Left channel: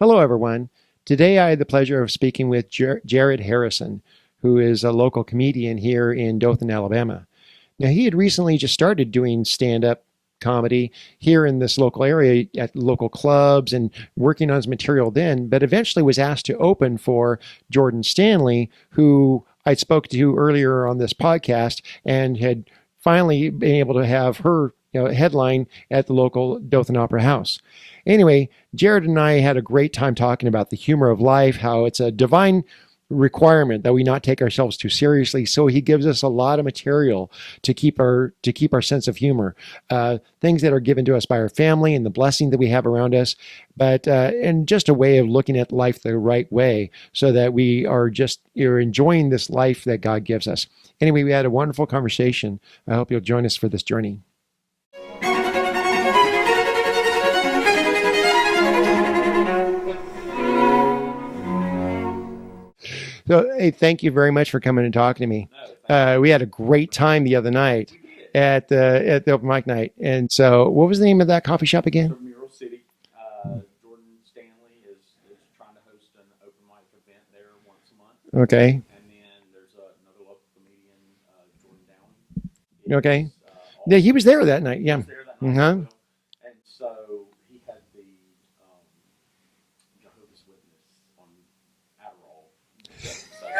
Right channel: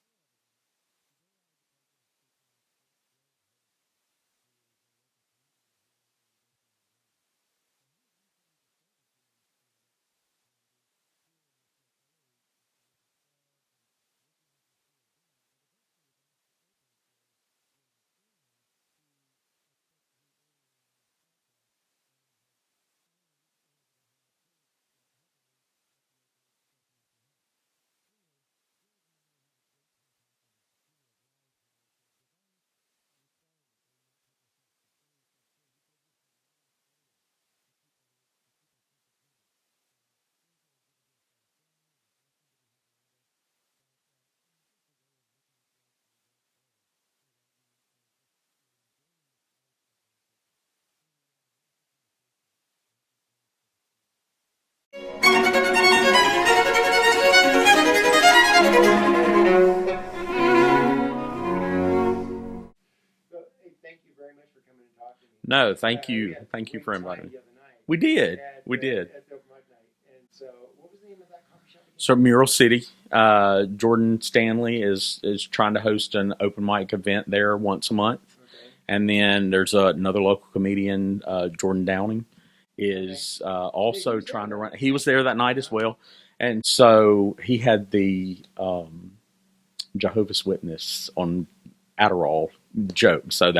Hello, everyone. Today I had the pleasure of speaking with Jared Harrison, who is a local comedian here in Dothan, Alabama. Now, he had recently just started doing stand up comedy here in this local area at local clubs and working on his material then, but eventually was asked to open for Jordan Stanley, who I spoke to earlier on this podcast and had finally been able to have her headline at the local Dothan Opera House. Anyway, Jared and I had a great time talking about the humor of life, how it's a divine requirement that we not take ourselves too seriously. So he gives us a lot of material to keep our sense of humor, things that are given to us by our family and the blessing that we have around us, but and just a way of looking at life the right way, so that we are you're enjoying this life that God gives us. Anyway, we had a wonderful conversation. I hope you'll join us for this journey. So, hey, thank you very much for coming and talking to me. No, thank you. We had a Thank you great for time the other night. We did. At the open mic night. And so, what was the name of that coffee shop again? So Mural City. Jordan Stanley is trying to host an open mic event there once a month. Okay. And then there's another local comedian, Jordan Downing. Okay. Also Yeah, he was there that night. He was there that night as well. And so he had the Jehovah's Witness on Adderall joke. So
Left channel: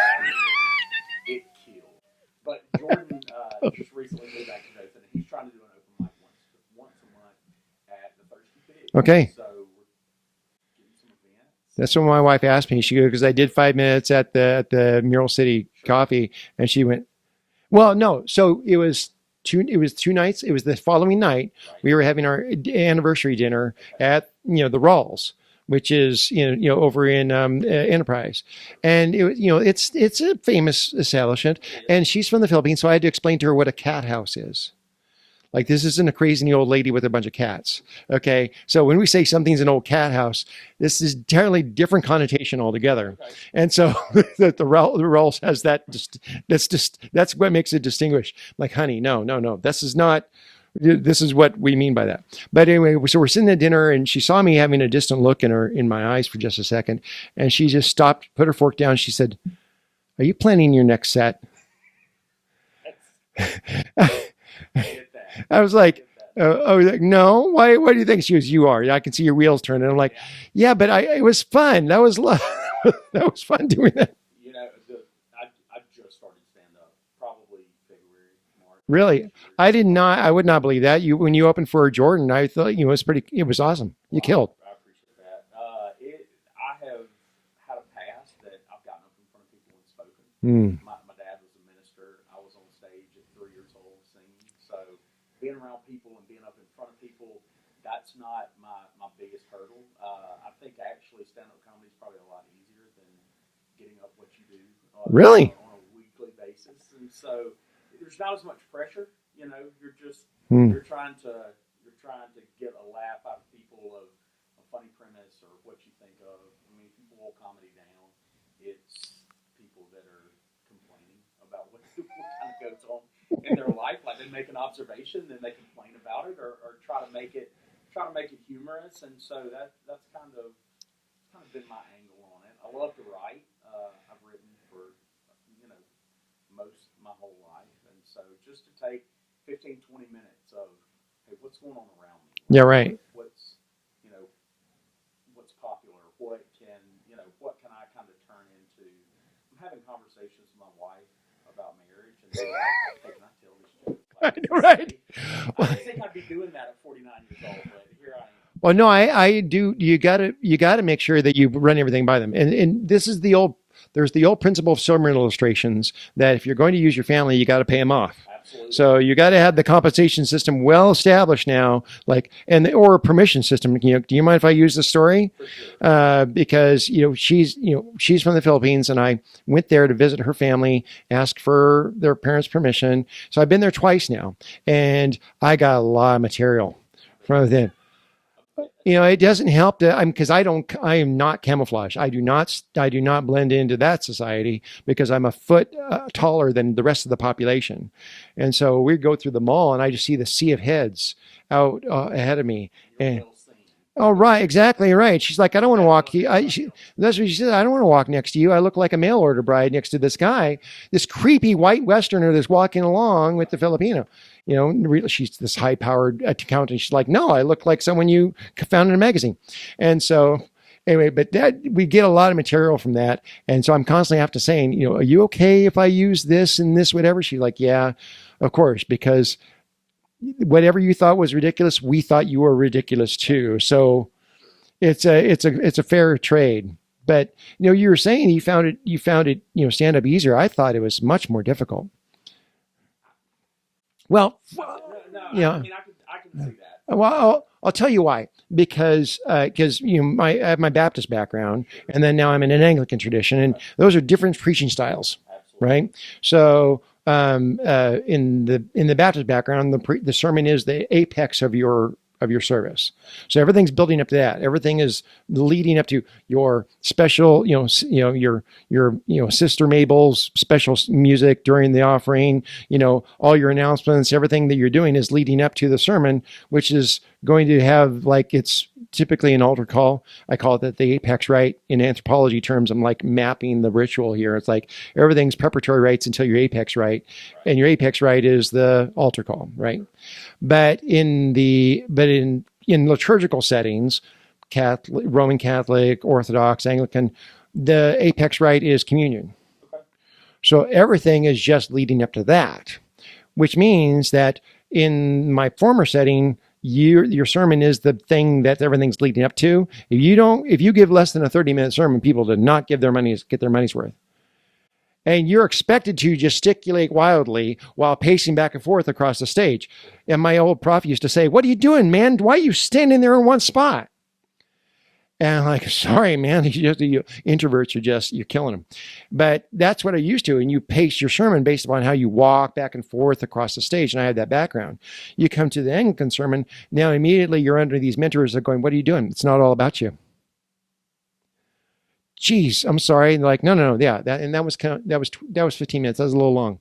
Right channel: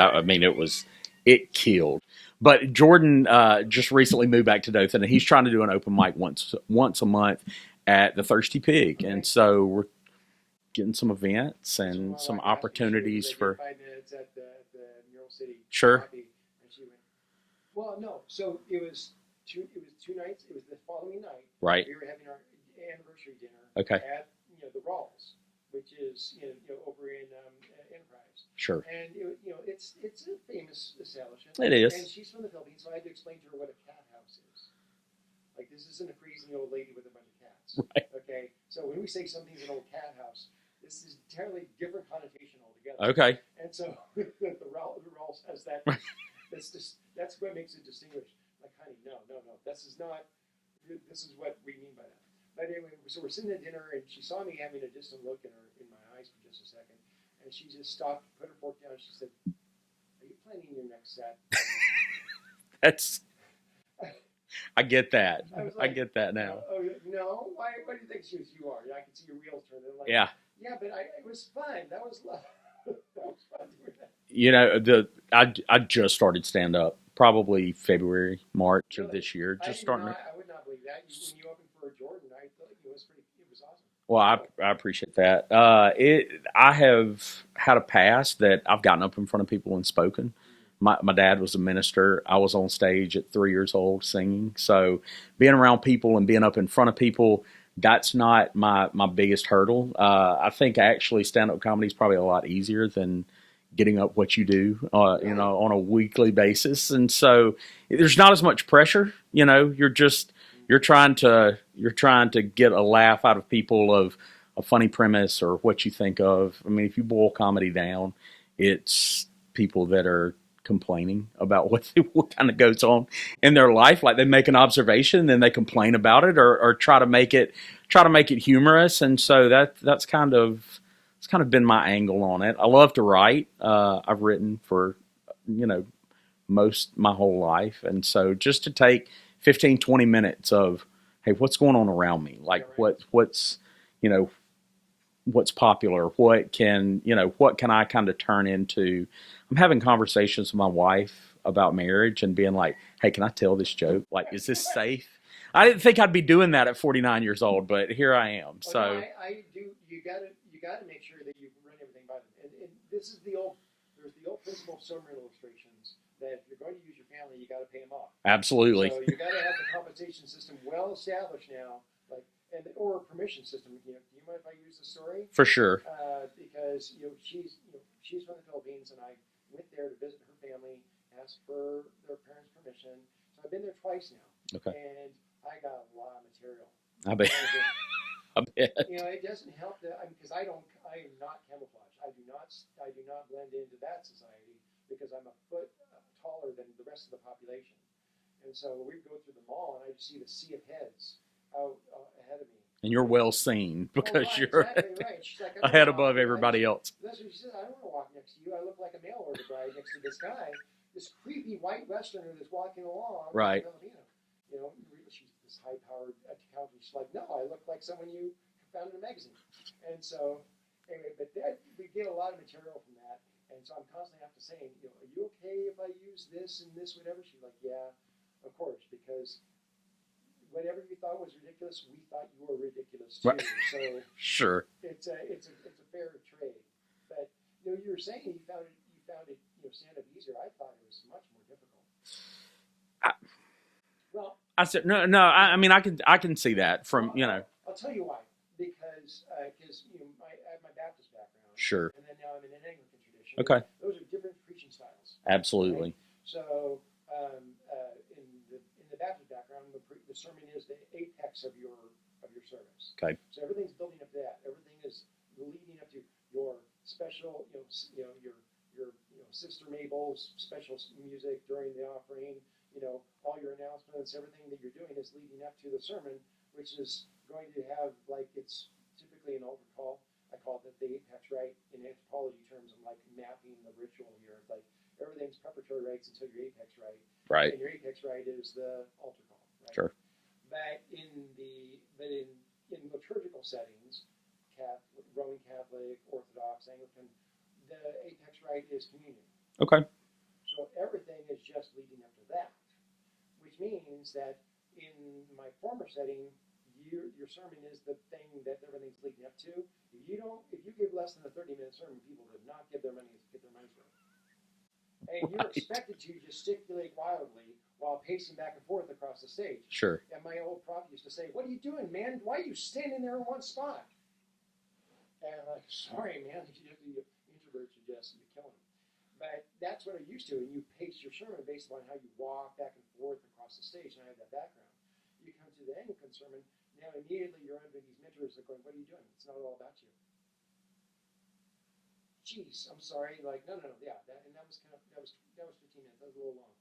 it killed. But Jordan just recently moved back to Dothan, and he's trying to do an open mic once a month at the Thirsty Pig. Okay. And so we're getting some events. That's what my wife asked me. She goes, because I did 5 minutes at the Mural City Coffee, and she went, well, no. So it was two nights. It was the following night. Right. We were having our anniversary dinner at the Rawls, which is over in Enterprise. Sure. And it's a famous establishment. It is. And she's from the Philippines, so I had to explain to her what a cat house is. Like, this isn't a crazy old lady with a bunch of cats. Right. Okay. So when we say something's an old cat house, this is entirely different connotation altogether. Okay. And so the Rawls has that. That's what makes it distinguished. Like, honey, no. This is what we mean by that. But anyway, so we're sitting at dinner, and she saw me having a distant look in my eyes for just a second, and she just stopped, put her fork down. She said, "Are you planning your next set?" That's. I get that. I was like, I get that. I was like, no. Why? What do you think? She goes, "You are. I can see your wheels turning." I'm like, yeah, but it was fun. That was that was fun doing that. I just started stand up. Probably February, March. Really? This year, I would not believe that. When you opened for Jordan, I thought it was awesome. Well, you killed. I appreciate that. I have had a past that I've gotten up in front of people and spoken. My dad was a minister. I was on stage at 3 years old singing. So being around people and being up in front of people, that's not my biggest hurdle. I think actually stand-up comedy is probably a lot easier than getting up what you do really? On a weekly basis. And so there's not as much pressure, you're just, you're trying to get a laugh out of people of a funny premise or what you think of. I mean, if you boil comedy down, it's people that are complaining about what kind of goes on in their life. Like, they make an observation, then they complain about it or try to make it humorous. And so that's kind of been my angle on it. I love to write. I've written for, my whole life. And so just to take 15, 20 minutes of, hey, what's going on around me? Like, what's popular? What can I kind of turn into? I'm having conversations with my wife about marriage and being like, hey, can I tell this joke? Like, is this safe? I didn't think I'd be doing that at 49 years old, but here I am. Well, no, I do. You gotta make sure that you run everything by them. And this is there's the old principle of sermon illustrations that if you're going to use your family, you got to pay them off. Absolutely. So you got to have the compensation system well established now, or a permission system. Do you mind if I use the story? For sure. Because she's from the Philippines, and I went there to visit her family, ask for their parents' permission. So I've been there twice now, and I got a lot of material. I bet. It doesn't help because I am not camouflage. I do not blend into that society because I'm a foot taller than the rest of the population. And so we go through the mall and I just see the sea of heads out ahead of me. And you're well seen. Oh, right, exactly right. She's like, I don't want to walk. That's what she said. I don't want to walk next to you. I look like a mail order bride next to this guy, this creepy white Westerner that's walking along with the Filipino. You know, she's this high-powered accountant. She's like, no, I look like someone you found in a magazine. And so anyway, but that we get a lot of material from that. And so I'm constantly have to saying, you know, are you okay if I use this and this, whatever? She's like, yeah, of course, because whatever you thought was ridiculous, we thought you were ridiculous too. So sure, it's a fair trade. But you know, you were saying you found it, you know, stand up easier. I thought it was much more difficult. Well, I said no. I mean, I can see that. I'll tell you why. Because you know, I have my Baptist background, sure, and then now I'm in an Anglican tradition, and those are different preaching styles. Absolutely, right? So in the Baptist background, the sermon is the apex of your service. Okay. So everything's building up to that. Everything is leading up to your special, your Sister Mabel's special music during the offering, all your announcements, everything that you're doing is leading up to the sermon, which is going to have, like, it's typically an altar call. I call it the apex rite. In anthropology terms, I'm like mapping the ritual here. It's like everything's preparatory rites until your apex rite. Right. And your apex rite is the altar call, right? Sure. But in liturgical settings, Catholic, Roman Catholic, Orthodox, Anglican, the apex rite is communion. Okay. So everything is just leading up to that, which means that in my former setting, your sermon is the thing that everything's leading up to. If you give less than a 30-minute sermon, people do not get their money's worth. And you're expected to gesticulate wildly while pacing back and forth across the stage. Sure. And my old prof used to say, "What are you doing, man? Why are you standing there in one spot?" And I'm like, "Sorry, man, you introverts are you're killing them." But that's what I used to. And you pace your sermon based upon how you walk back and forth across the stage. And I have that background. You come to the Anglican sermon, now immediately you're under these mentors that are going, "What are you doing? It's not all about you." Geez, I'm sorry. And they're like, no, yeah, that was 15 minutes. That was a little long.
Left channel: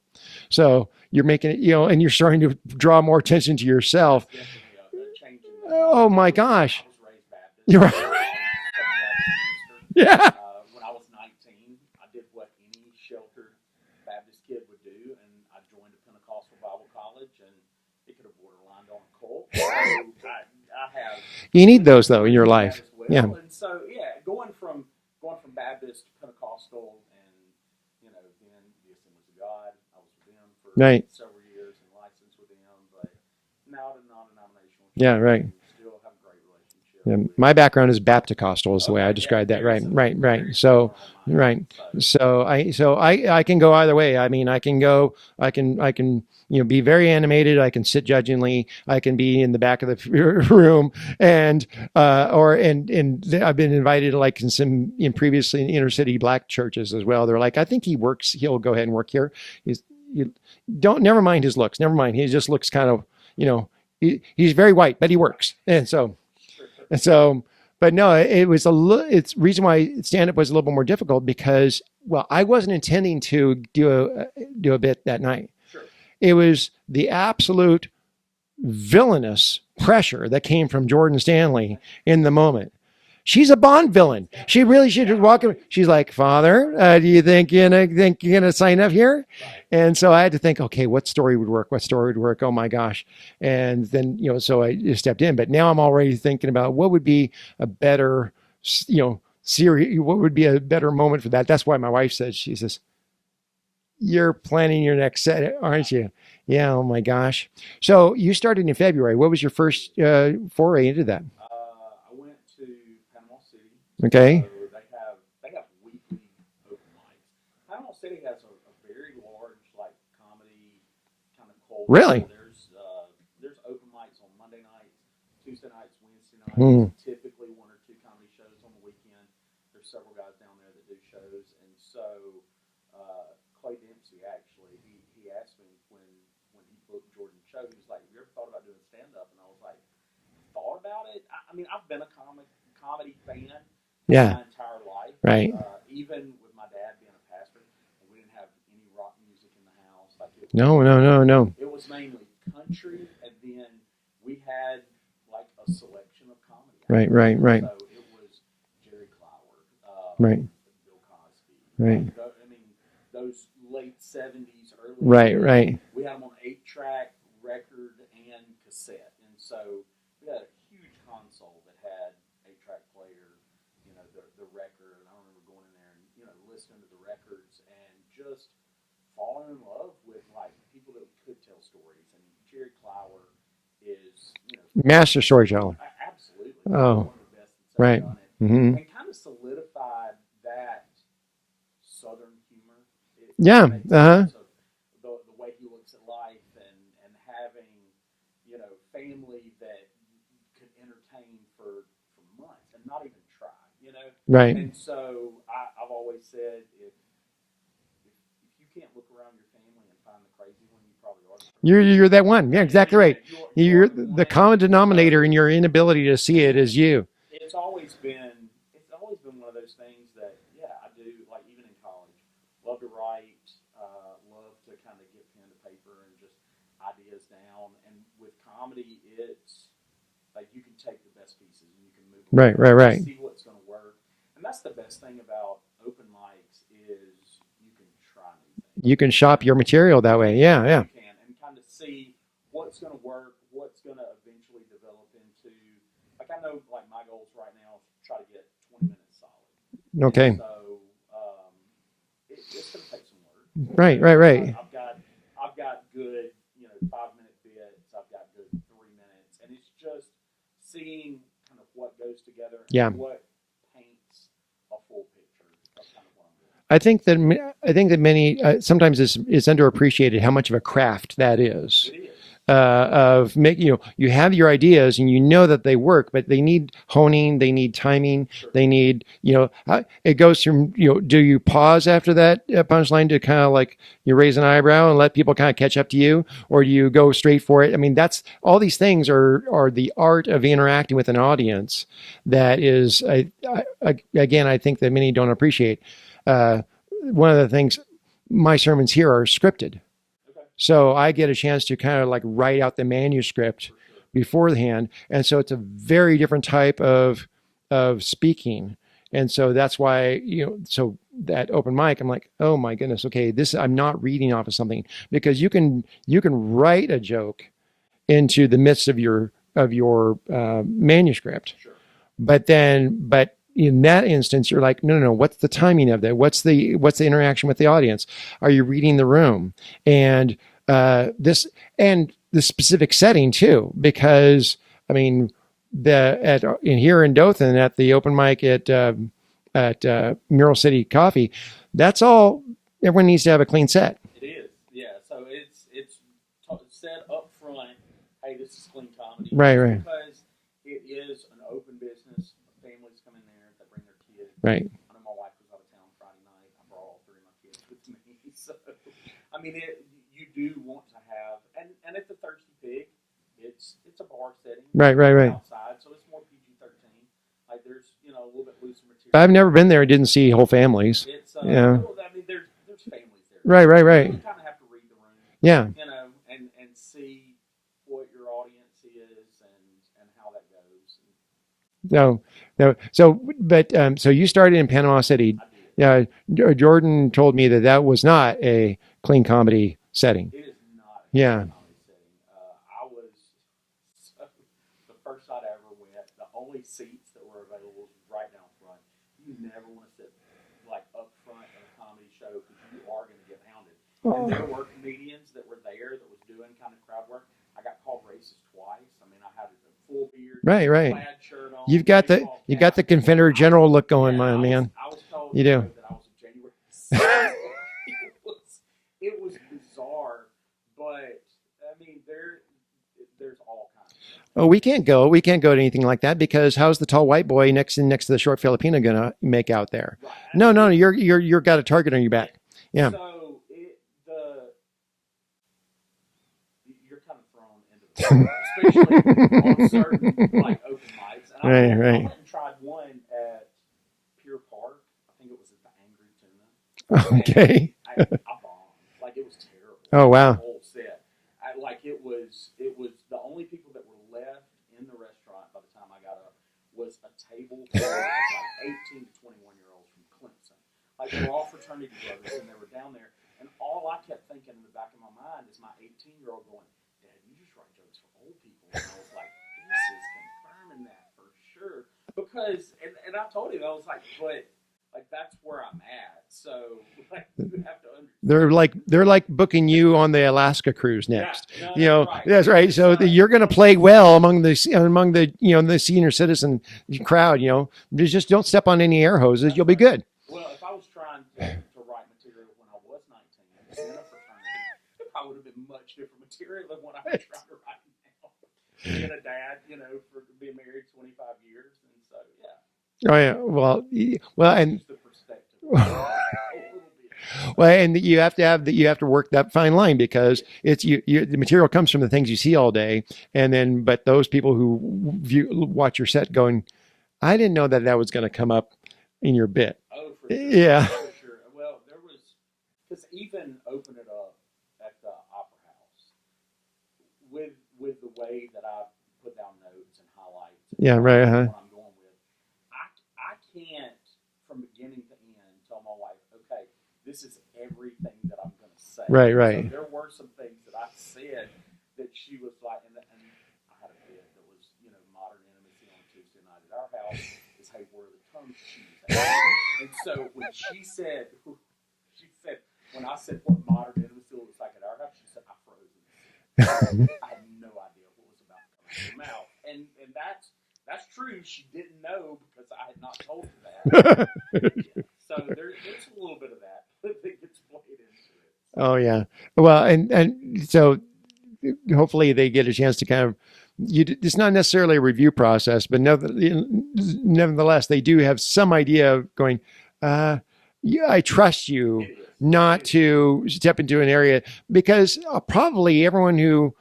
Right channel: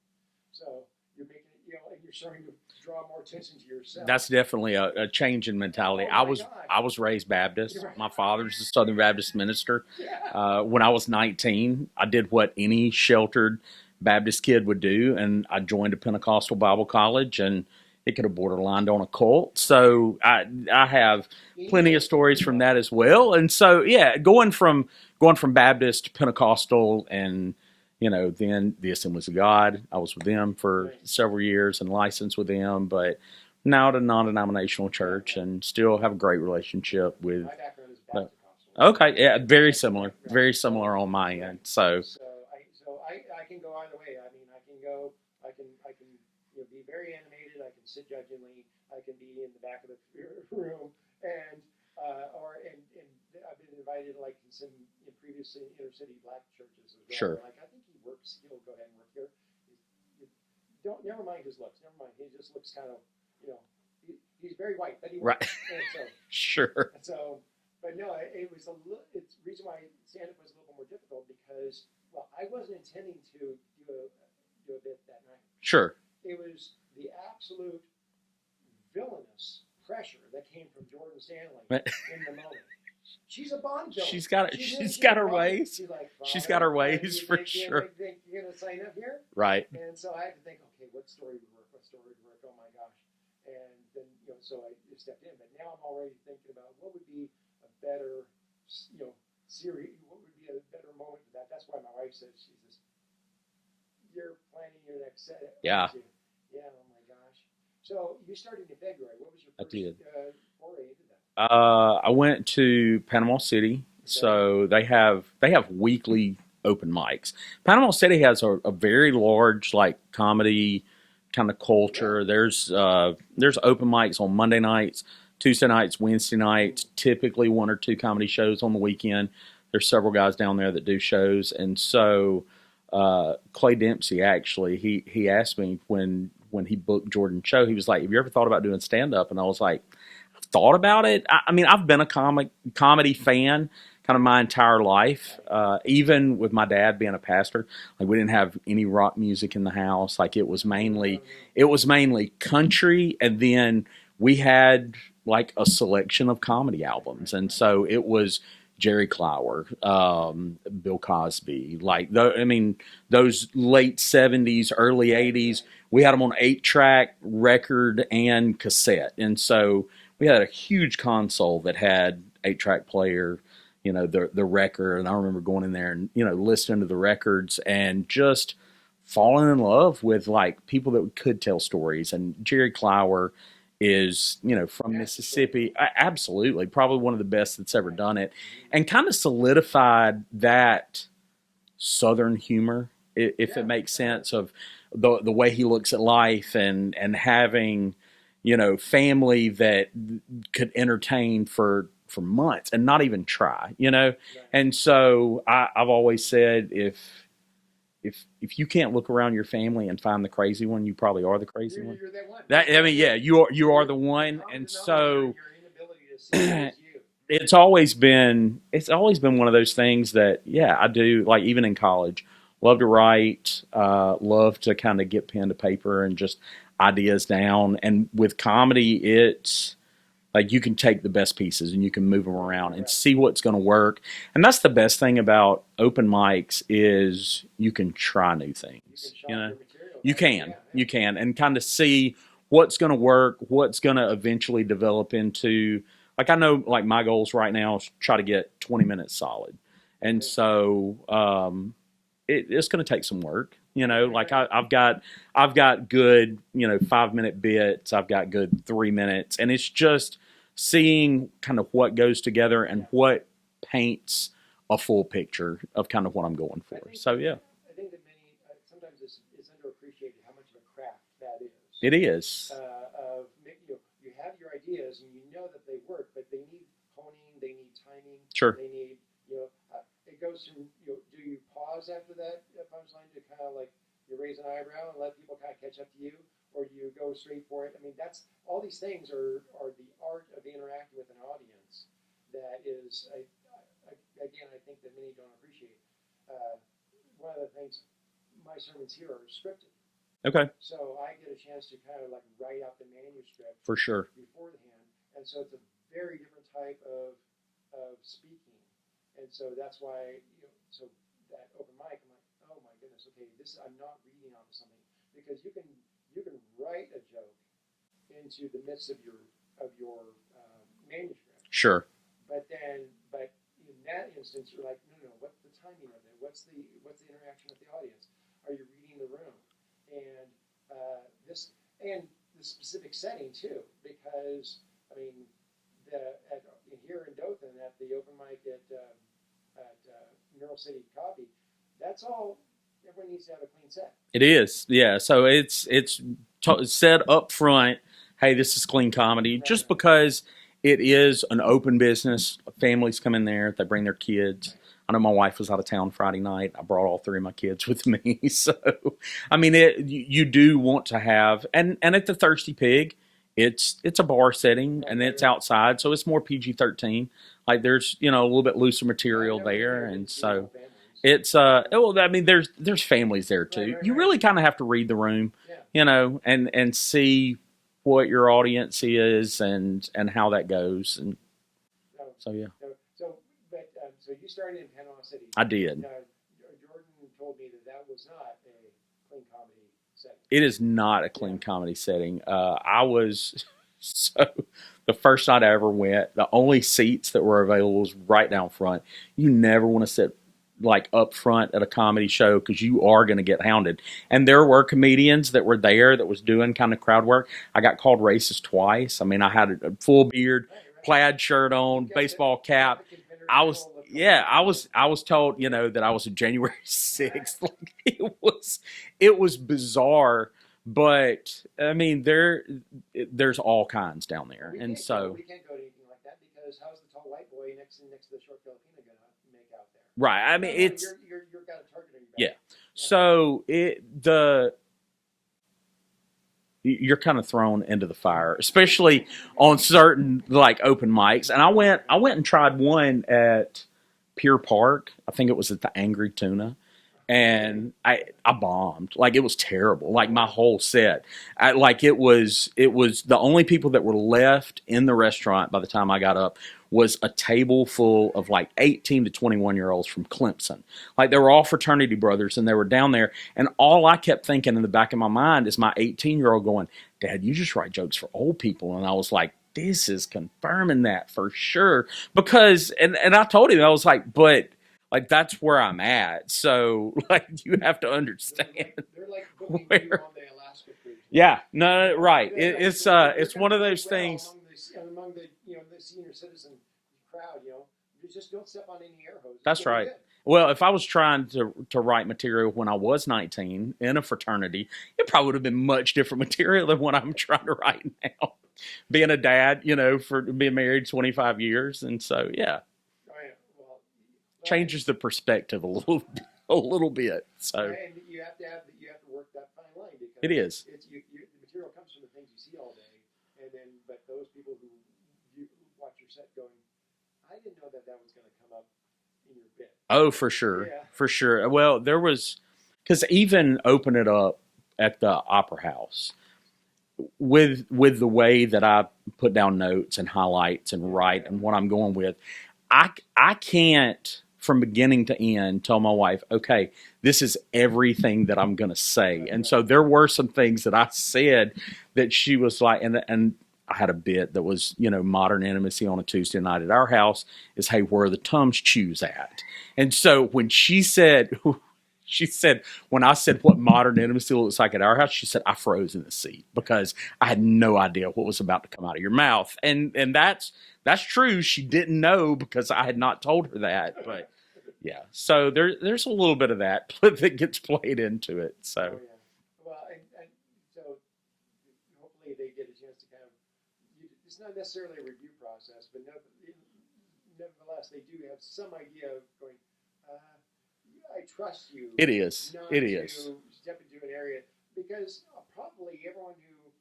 So you're making it, and you're starting to draw more attention to yourself. That's definitely a change in mentality. Oh my gosh. I was raised Baptist. Right. My father's a Southern Baptist minister. Yeah. When I was 19, I did what any sheltered Baptist kid would do, and I joined a Pentecostal Bible college, and it could have borderlined on a cult. So I have you need those stories though in your from life. That as well. Yeah. And so going from Baptist to Pentecostal, and then the Assemblies of God, I was with them for several years and licensed with them, but now at a non-denominational church, and still have a great relationship with. My background is Baptist-costal, is the way I described very that. Similar, right. Very similar on mine. Right. So I can go either way. I mean, I can be very animated. I can sit judgingly. I can be in the back of the room, and I've been invited to, like, in previously in inner city black churches as well. Sure. They're like, I think he'll go ahead and work here. Never mind his looks. Never mind. He just looks kind of, he's very white, but he works. And so sure. And so, but no, it's reason why stand up was a little bit more difficult because, well, I wasn't intending to do a bit that night. Sure. It was the absolute villainous pressure that came from Jordan Stanley in the moment. She's a Bond villain. She really should be walking. She's like, "Father, do you think you're gonna sign up here?" Right. And so I had to think, okay, what story would work? Oh my gosh! And then so I just stepped in. But now I'm already thinking about what would be a better, series. What would be a better moment for that? That's why my wife says, she says, "You're planning your next set, aren't you?" Yeah. Oh my gosh. So you started in February. What was your first foray into that? I went to Panama City. Okay. So they have weekly open mics. Panama City has a very large, like, comedy kind of culture. Really? There's open mics on Monday nights, Tuesday nights, Wednesday nights, typically one or two comedy shows on the weekend. There's several guys down there that do shows. And so Clay Dempsey, actually, he asked me when he booked Jordan's show, he was like, "Have you ever thought about doing stand-up?" And I was like, "I've thought about it." I mean, I've been a comedy fan kind of my entire life. Right. Even with my dad being a pastor, like, we didn't have any rock music in the house. Like, it was no. It was mainly country, and then we had like a selection of comedy albums, right, and right. so it was Jerry Clower, Right. Bill Cosby, Right. I mean, those late 70s, early Right, 80s. right. We had them on 8-track, record, and cassette, and so we had a huge console that had 8-track player, you know, the record, and I remember going in there and, you know, listening to the records and just falling in love with like people that could tell stories. And Jerry Clower is, you know, from Master Mississippi. storyteller. Absolutely, probably Oh. one of the best that's ever Right. done it, Mhm. and kind of solidified that Southern humor, if Yeah, it makes sense, of the way he looks at life, and having, you know, family that could entertain for months and not even try, you know. Right. And so I've always said, if you can't look around your family and find the crazy one, you probably are the crazy one. You're that one. Yeah, I exactly mean, yeah, right. you are You're the one. The common And denominator so in your inability to see it is you. it's always been one of those things that, yeah, I do, like, even in college, love to write, love to kind of get pen to paper and just ideas down. And with comedy, it's like you can take the best pieces and you can move them Right, around, right. and see what's going to work. And that's the best thing about open mics, is you can try new things. You can shop your material that way. Yeah. You can, and kind of see what's going to work, what's going to eventually develop into, like, I know, like, my goals right now is try to get 20 minutes solid. Okay. And so it's going to take some work. Right. I've got good, you know, 5-minute bits. I've got good 3 minutes, and it's just seeing kind of what goes together and what paints a full picture of kind of what I'm going for. I think that many sometimes it's underappreciated how much of a craft that is. It is of making, you know, you have your ideas and you know that they work, but they need honing, they need timing, Sure. They need, you know, it goes from, you know, do you pause after that punchline to kind of like you raise an eyebrow and let people kind of catch up to you, or do you go straight for it? I mean, that's all these things are the art of interacting with an audience. That is, again, I think that many don't appreciate. One of the things, my sermons here are scripted. Okay. So I get a chance to kind of like write out the manuscript for sure beforehand. And so it's a very different type of speaking. And so that's why, you know, so that open mic, I'm like, oh my goodness, okay, I'm not reading off of something, because you can write a joke into the midst of your manuscript. Sure. But in that instance, you're like, no, what's the timing of that? What's the interaction with the audience? Are you reading the room? And the specific setting too, because I mean, here in Dothan at the open mic at Mural City Coffee, that's all. Everyone needs to have a clean set. It is, yeah. So it's said up front, hey, this is clean comedy, right. Because it is an open business. Families come in there, they bring their kids. Right. I know my wife was out of town Friday night. I brought all 3 of my kids with me. So, I mean, you do want to have, and at the Thirsty Pig, it's a bar setting, right, and it's right. outside, so it's more PG-13. Like, there's, you know, a little bit looser material. I've never been there and didn't see whole families. It's well, I mean, there's families there too. Right. You really kind of have to read the room. Yeah. You know, and see what your audience is and how that goes. And so you started in Panama City. I did. Yeah. Jordan told me that was not a clean comedy setting. It is not a clean comedy setting. I was the first night I ever went, the only seats that were available was right down front. You never want to sit like up front at a comedy show, because you are going to get hounded. Oh. And there were comedians that were there that was doing kind of crowd work. I got called racist twice. I mean, I had a full beard, right. plaid shirt on, you've got baseball cap. You got the Confederate general look going on, man. I was told, you know, that I was a January 6th. It was bizarre. But I mean, there's all kinds down there. Oh, we can't go to anything like that, because how's the tall white boy next to the short Filipino gonna make out there? Right. No, you're got a target on your back. Yeah. So you're kind of thrown into the fire, especially on certain like open mics. And I went and tried one at Pier Park. I think it was at the Angry Tuna. And Okay. I bombed. Like, it was terrible. Oh, Like, my wow. whole set. Like, it was the only people that were left in the restaurant by the time I got up was a table full of like 18 to 21-year-olds from Clemson. Like, they were all fraternity brothers, and they were down there. And all I kept thinking in the back of my mind is my 18-year-old going, Dad, you just write jokes for old people. And I was like, this is confirming that for sure. Because, and I told him, I was like, but like, that's where I'm at. So, like, you have to understand. They're like booking you on the Alaska cruise Yeah, next. no, right. That's right. So you're It's going to one of play those well things. among the the senior citizen crowd. Just don't step on any air hoses. That's You'll be right. good. Well, if I was trying to write material when I was 19 in a fraternity, it probably would have been much different material than what I'm trying to write now. Being a dad, for being married 25 years, and so yeah, Oh yeah. Well, and changes the perspective a little bit. So, well, and you have to work that fine line, it because is. it's the material comes from the things you see all day, and then but those people who watch your set going, I didn't know that was going to come up in your bit. Oh, for sure. Yeah. For sure. Well, there was, because even open it up at the Opera House with the way that I put down notes and highlights and Yeah, write right, and what I'm going with, I can't from beginning to end tell my wife, okay, this is everything that I'm going to say. Right, and so right. there were some things that I said that she was like, and I had a bit that was, modern intimacy on a Tuesday night at our house is, hey, where are the Tums chews at? And so when she said, when I said what modern intimacy looks like at our house, she said, I froze in the seat because I had no idea what was about to come out of your mouth. And that's true. She didn't know because I had not told her that. But, yeah. So there's a little bit of that that gets played into it. So. Oh yeah. Well, and so hopefully they get a chance to kind of, it's not necessarily a review process, but nevertheless, they do have some idea of going, yeah, I trust you. It is not to step into an area, because probably everyone's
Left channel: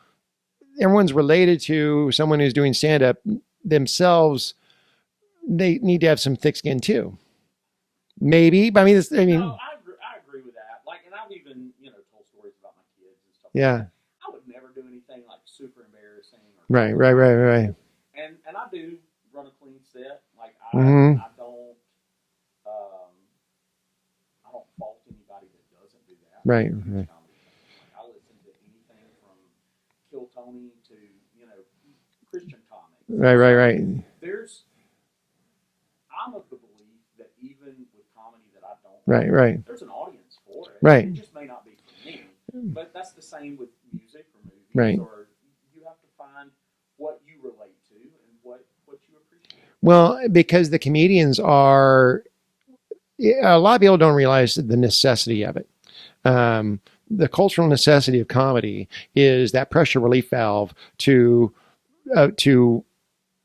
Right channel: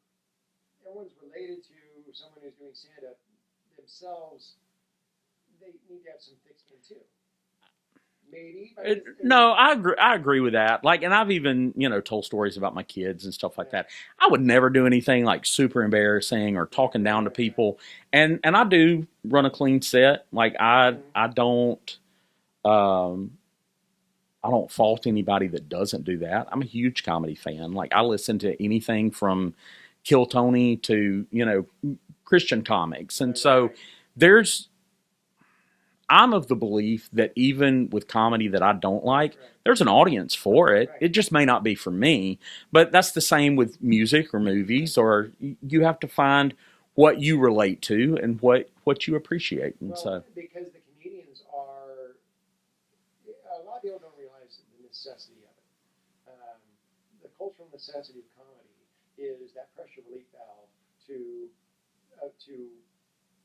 related to someone who's doing stand-up themselves. They need to have some thick skin too. Maybe, but no, I agree with that. Like, and I've even told stories about my kids and stuff like that. I would never do anything like super embarrassing or talking down to people. And I do run a clean set. Like I don't fault anybody that doesn't do that. I'm a huge comedy fan. Like, I listen to anything from Kill Tony to Christian comics. And I'm of the belief that even with comedy that I don't like, there's an audience for it. It just may not be for me. But that's the same with music or movies, or you have to find what you relate to and what you appreciate. Well, because the comedians are, a lot of people don't realize the necessity of it. The cultural necessity of comedy is that pressure relief valve to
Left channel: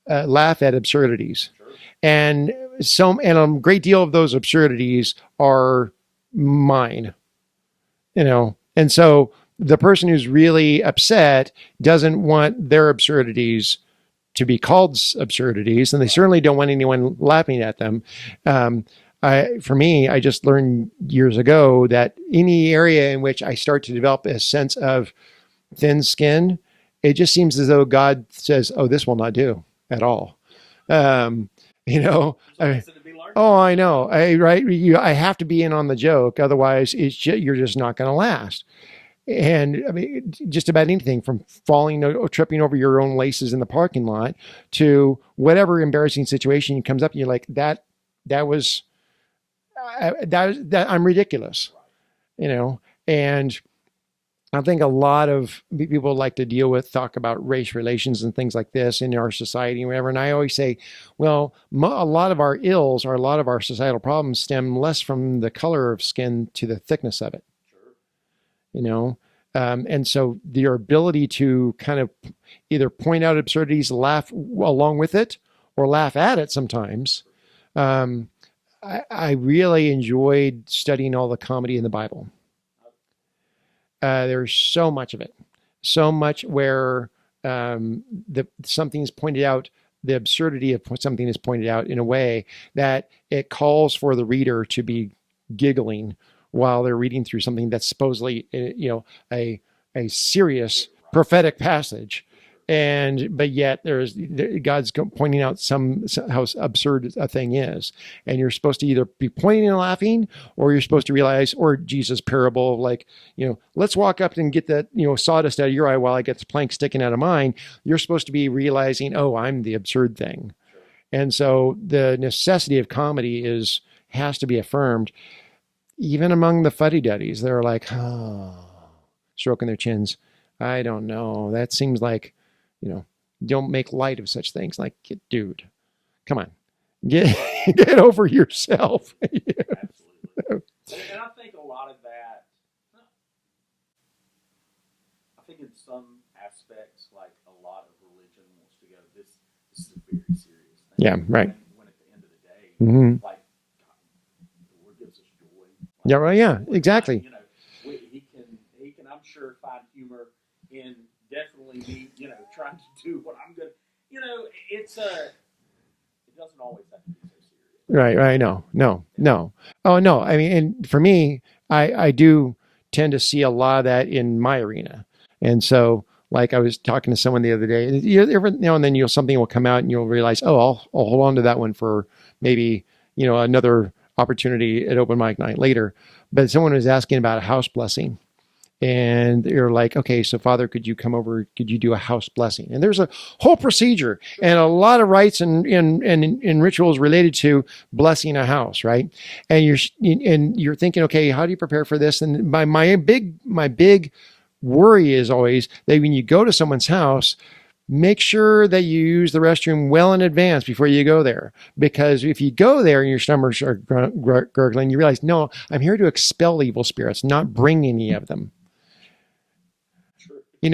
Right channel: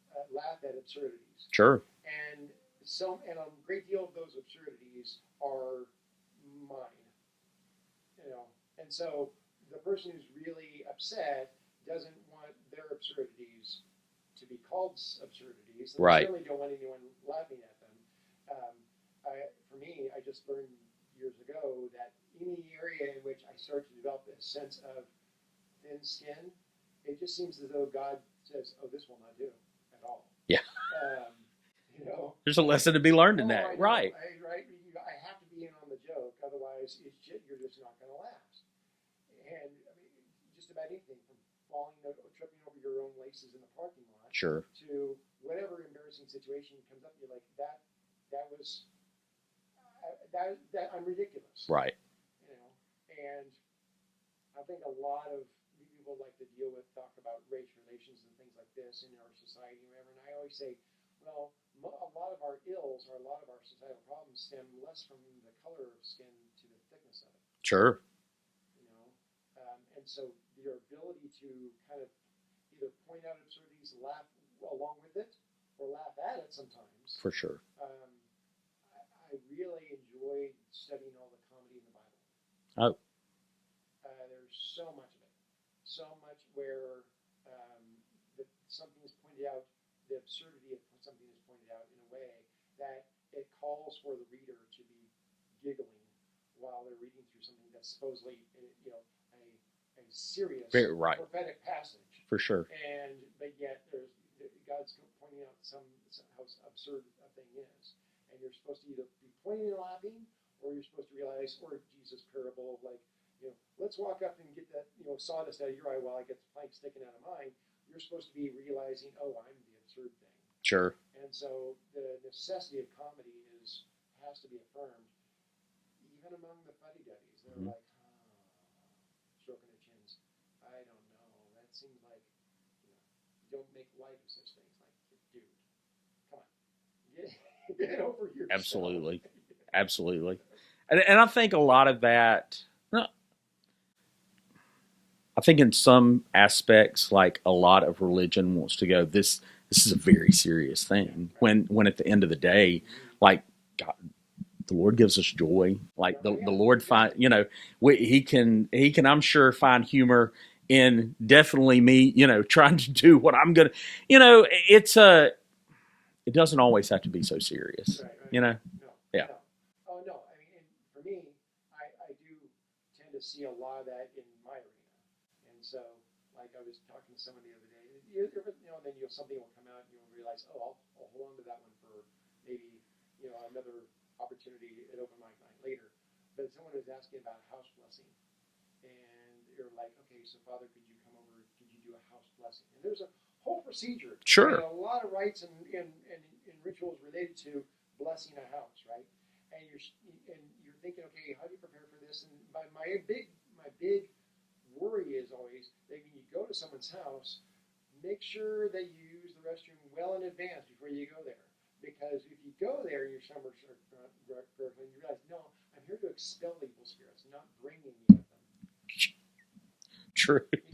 laugh at absurdities. Sure. And a great deal of those absurdities are mine, and so the person who's really upset doesn't want their absurdities to be called absurdities, and they certainly don't want anyone laughing at them. For me, I just learned years ago that any area in which I start to develop a sense of thin skin, it just seems as though God says, "Oh, this will not do at all." Yeah. There's a lesson to be learned. Oh, I know. I have to be in on the joke. Otherwise you're just not going to last. And I mean, just about anything from falling or tripping over your own laces in the parking lot to whatever embarrassing situation comes up. And you're like, that was I'm ridiculous. Right. And I think a lot of people like to talk about race relations and things like this in our society and whatever. And I always say, well, a lot of our ills or a lot of our societal problems stem less from the color of skin to the thickness of it. Sure. And so your ability to kind of either point out absurdities, laugh along with it, or laugh at it sometimes. For sure. I really enjoyed studying all the comedy in the Bible. Oh. There's so much of it, so much where something's pointed out, the absurdity of something is pointed out in a way that it calls for the reader to be giggling while they're reading through something that's supposedly, a serious Right. prophetic passage. For sure. But yet God's pointing out how absurd a thing is, and you're supposed to either be pointing and laughing, or you're supposed to realize, or Jesus' parable of like, let's walk up and get that sawdust out of your eye while I get the plank sticking out of mine. You're supposed to be realizing, oh, I'm the absurd thing. Sure. And so the necessity of comedy has to be affirmed, even among the fuddy-duddies. They're like, oh, stroking their chins. I don't know. That seems like, don't make light of such things. Like, dude, come on, get over yourself. Absolutely. Absolutely. And I think a lot of that, I think in some aspects, like a lot of religion wants to go, this is a very serious thing. Yeah, right. When at the end of the day, like, God, the Lord gives us joy. Like, the Lord, exactly. He can, I'm sure, find humor in definitely me, trying to do what I'm gonna, it doesn't always have to be so serious. Right. No. Oh no. I mean, and for me, I do tend to see a lot of that in my arena, and so. Like I was talking to someone the other day, every now and then something will come out and you'll realize, oh, I'll hold on to that one for maybe, another opportunity at open mic night later. But someone was asking about a house blessing, and you're like, okay, so Father, could you come over? Could you do a house blessing? And there's a whole procedure Sure. and a lot of rites and rituals related to blessing a house, right? And you're thinking, okay, how do you prepare for this? And my big worry is always that when you go to someone's house, make sure that you use the restroom well in advance before you go there. Because if you go there and your stomachs are gurgling, you realize, no, I'm here to expel evil spirits, not bring any of them. True. You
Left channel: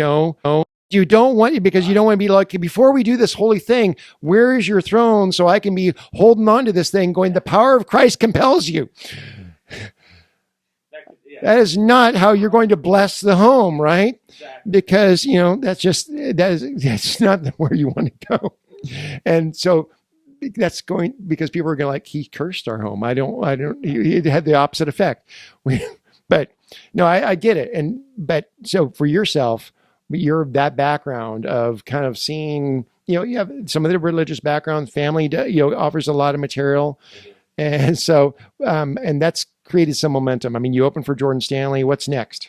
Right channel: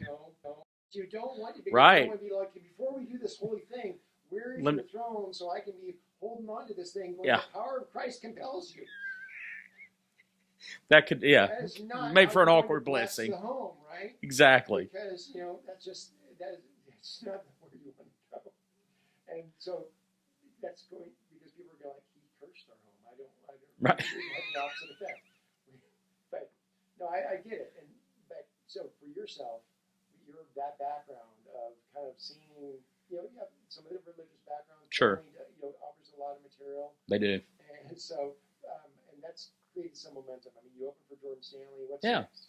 don't want, because right. You don't want to be like, before we do this holy thing, where is your throne so I can be holding on to this thing going, the power of Christ compels you. That is not how you're going to bless the home, right? Exactly. Because, that's not where you want to go. And so that's because people are going to like, he cursed our home. It had the opposite effect. But no, I get it. So for yourself, you're that background of kind of seeing, you have some of the religious background, family, sure. Offers a lot of material. They do. And so, and that's created some momentum. I mean, you opened for Jordan Stanley. What's next?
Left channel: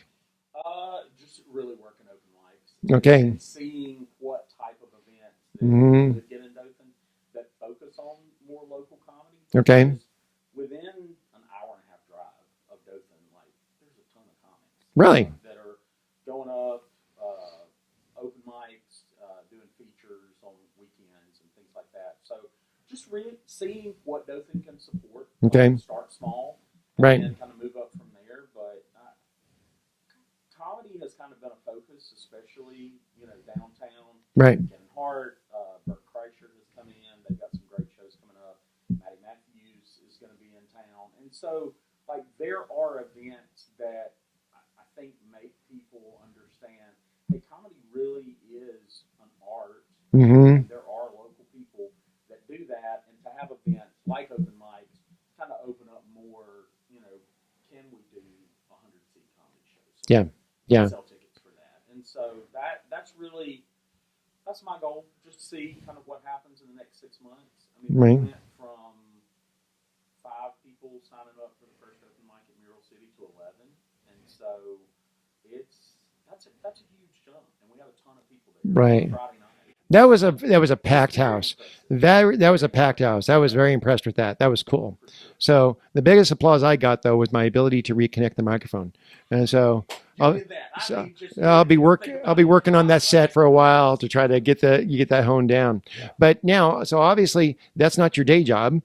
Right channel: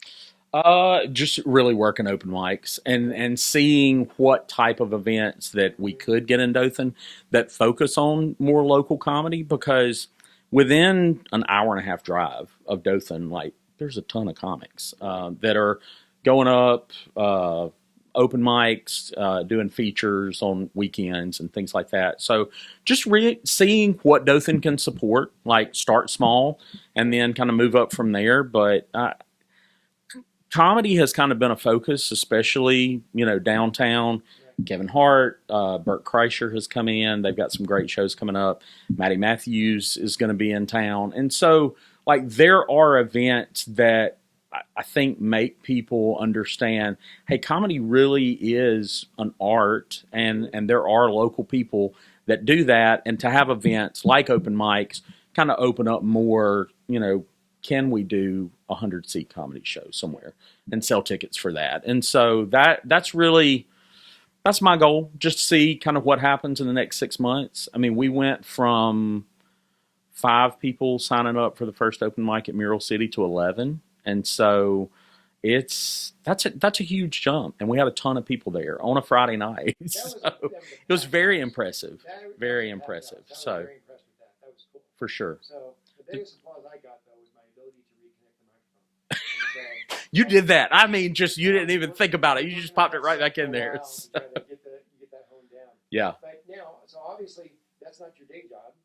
Just really working open mics and seeing what type of events that we could get in Dothan that focus on more local comedy, because within an hour and a half drive of Dothan, like, there's a ton of comics that are going up, open mics, doing features on weekends and things like that. So just seeing what Dothan can support, like start small and then kind of move up from there. But comedy has kind of been a focus, especially, downtown. Right. Kevin Hart, Bert Kreischer has come in. They've got some great shows coming up. Matty Matthews is going to be in town. And so, like, there are events that I think make people understand, hey, comedy really is an art, and there are local people that do that. And to have events like open mics kind of open up more, can we do 100-seat comedy show somewhere and sell tickets for that? And so that's my goal, just to see kind of what happens in the next 6 months. I mean, we went from 5 people signing up for the first open mic at Mural City to 11. And so that's a huge jump, and we had a ton of people there on a Friday night. That was a packed house. Very impressive. That was a packed house. I was very impressed with that. That was cool for sure. So the biggest applause I got though was my ability to reconnect the microphone, and so you did that. I mean, just you didn't even think about it. I'll be working on that set for a while to try to get that honed down. Yeah. But now, so obviously that's not your day job.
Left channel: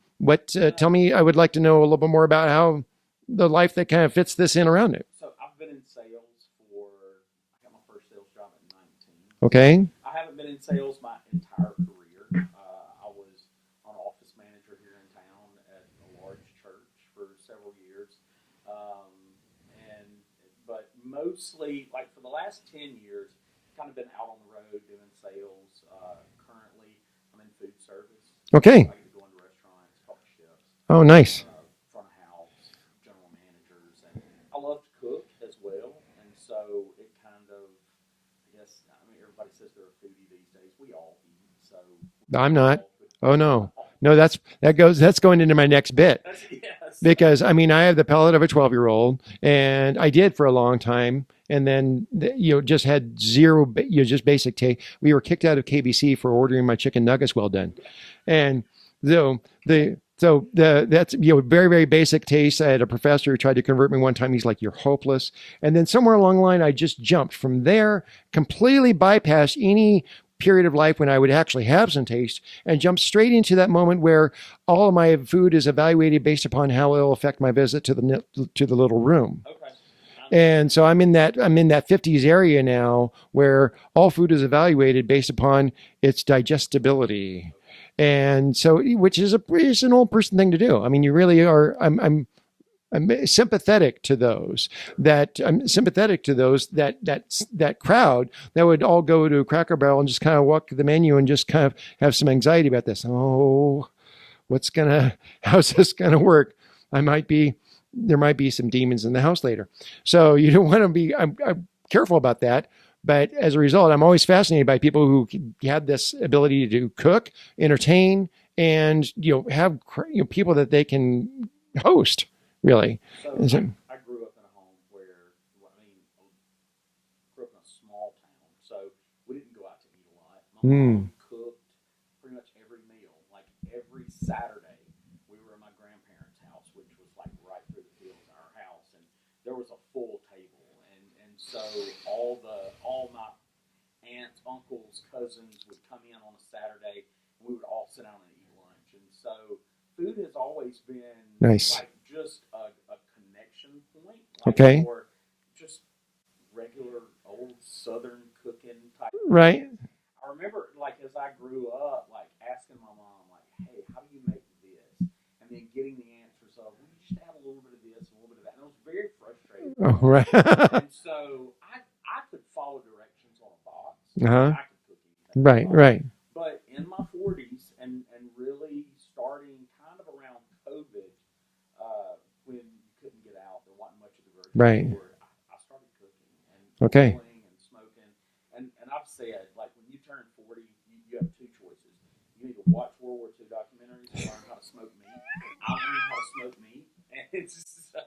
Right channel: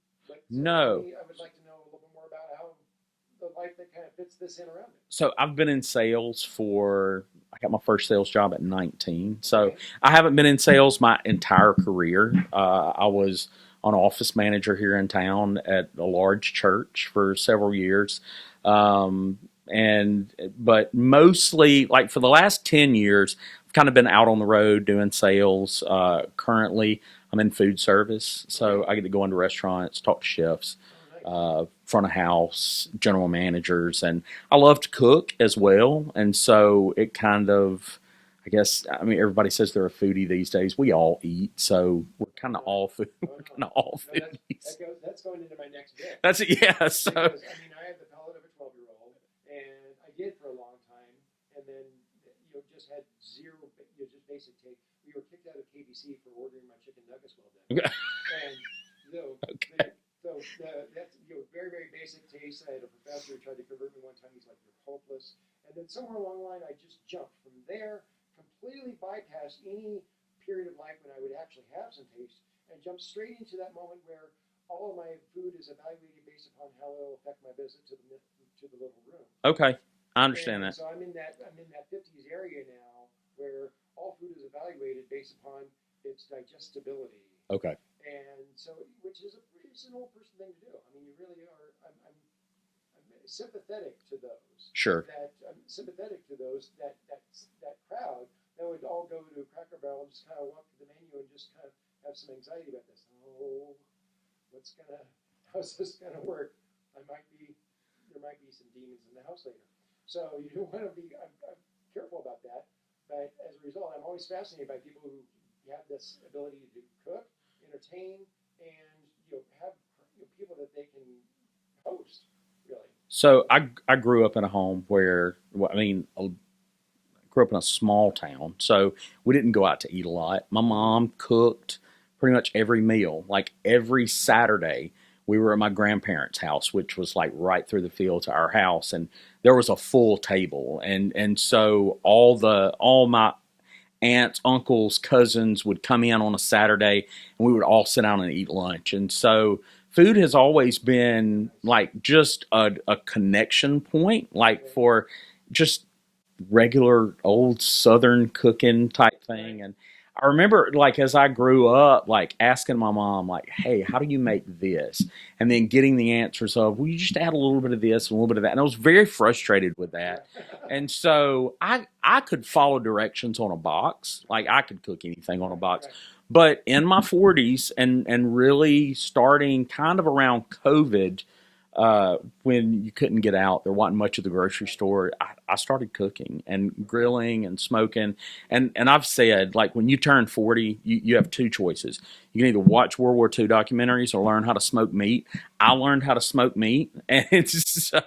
Tell me, I would like to know a little bit more about how the life that kind of fits this in around it. So I've been in sales I got my first sales job at 19. Okay. So I haven't been in sales my entire career. I was an office manager here in town at a large church for several years. But mostly, like, for the last 10 years, I've kind of been out on the road doing sales. Currently, I'm in food service, so Okay. I get to go into restaurants, talk to chefs, Oh, nice. front of house, general managers, and I love to cook as well. And so it kind of, I guess, I mean, everybody says they're a foodie these days. We all eat, so we're I'm kinda not. all food. Oh, we're no. kinda all No, foodies. that's going into my next bit. That's it. Yes. Because I mean, I have the palate of a 12-year-old, and I did for a long time, and then just had zero, just basic taste. We were kicked out of KBC for ordering my chicken nuggets well done, and so that's very very basic taste. I had a professor who tried to convert me one time. He's like, "You're hopeless," and then somewhere along the line, I just jumped from there, completely bypassed any period of life when I would actually have some taste, and jump straight into that moment where all of my food is evaluated based upon how it will affect my visit to the little room. Okay. I understand And that. so I'm in that 50s area now where all food is evaluated based upon its digestibility. Okay. And so, which is an old person thing to do. I mean, you really are. I'm sympathetic to those Sure. I'm sympathetic to those that crowd that would all go to Cracker Barrel and just kind of walk the menu and just kind of have some anxiety about this. Oh, how's this gonna work? There might be some demons in the house later. So you don't want to be, I'm careful about that. But as a result, I'm always fascinated by people who have this ability to cook, entertain, and have people that they can host. Really. So I grew up in a home where, I grew up in a small town, so we didn't go out to eat a lot. My mom cooked pretty much every meal. Like every Saturday, we were at my grandparents' house, which was like right through the field to our house, and there was a full table, and so all my aunts, uncles, cousins would come in on a Saturday, and we would all sit down and eat lunch. And so food has always been nice. Like just a connection point, like okay. for just regular old Southern cooking type thing. Right. And I remember, like, as I grew up, like asking my mom, like, "Hey, how do you make this?" And then getting the answers of, "Well, you just add a little bit of this, and a little bit of that." And I was very frustrated with that. Right. And so I could follow directions on a box, like I could cook anything on a right. box. Right. But in my 40s, and really starting kind of around COVID, when you couldn't get out, there wasn't much of the grocery Right. store. I started cooking and Okay. grilling and smoking. And I've said, like, when you turn 40, you have two choices. You can either watch World War II documentaries or learn how to smoke meat. I learned how to smoke meat. And so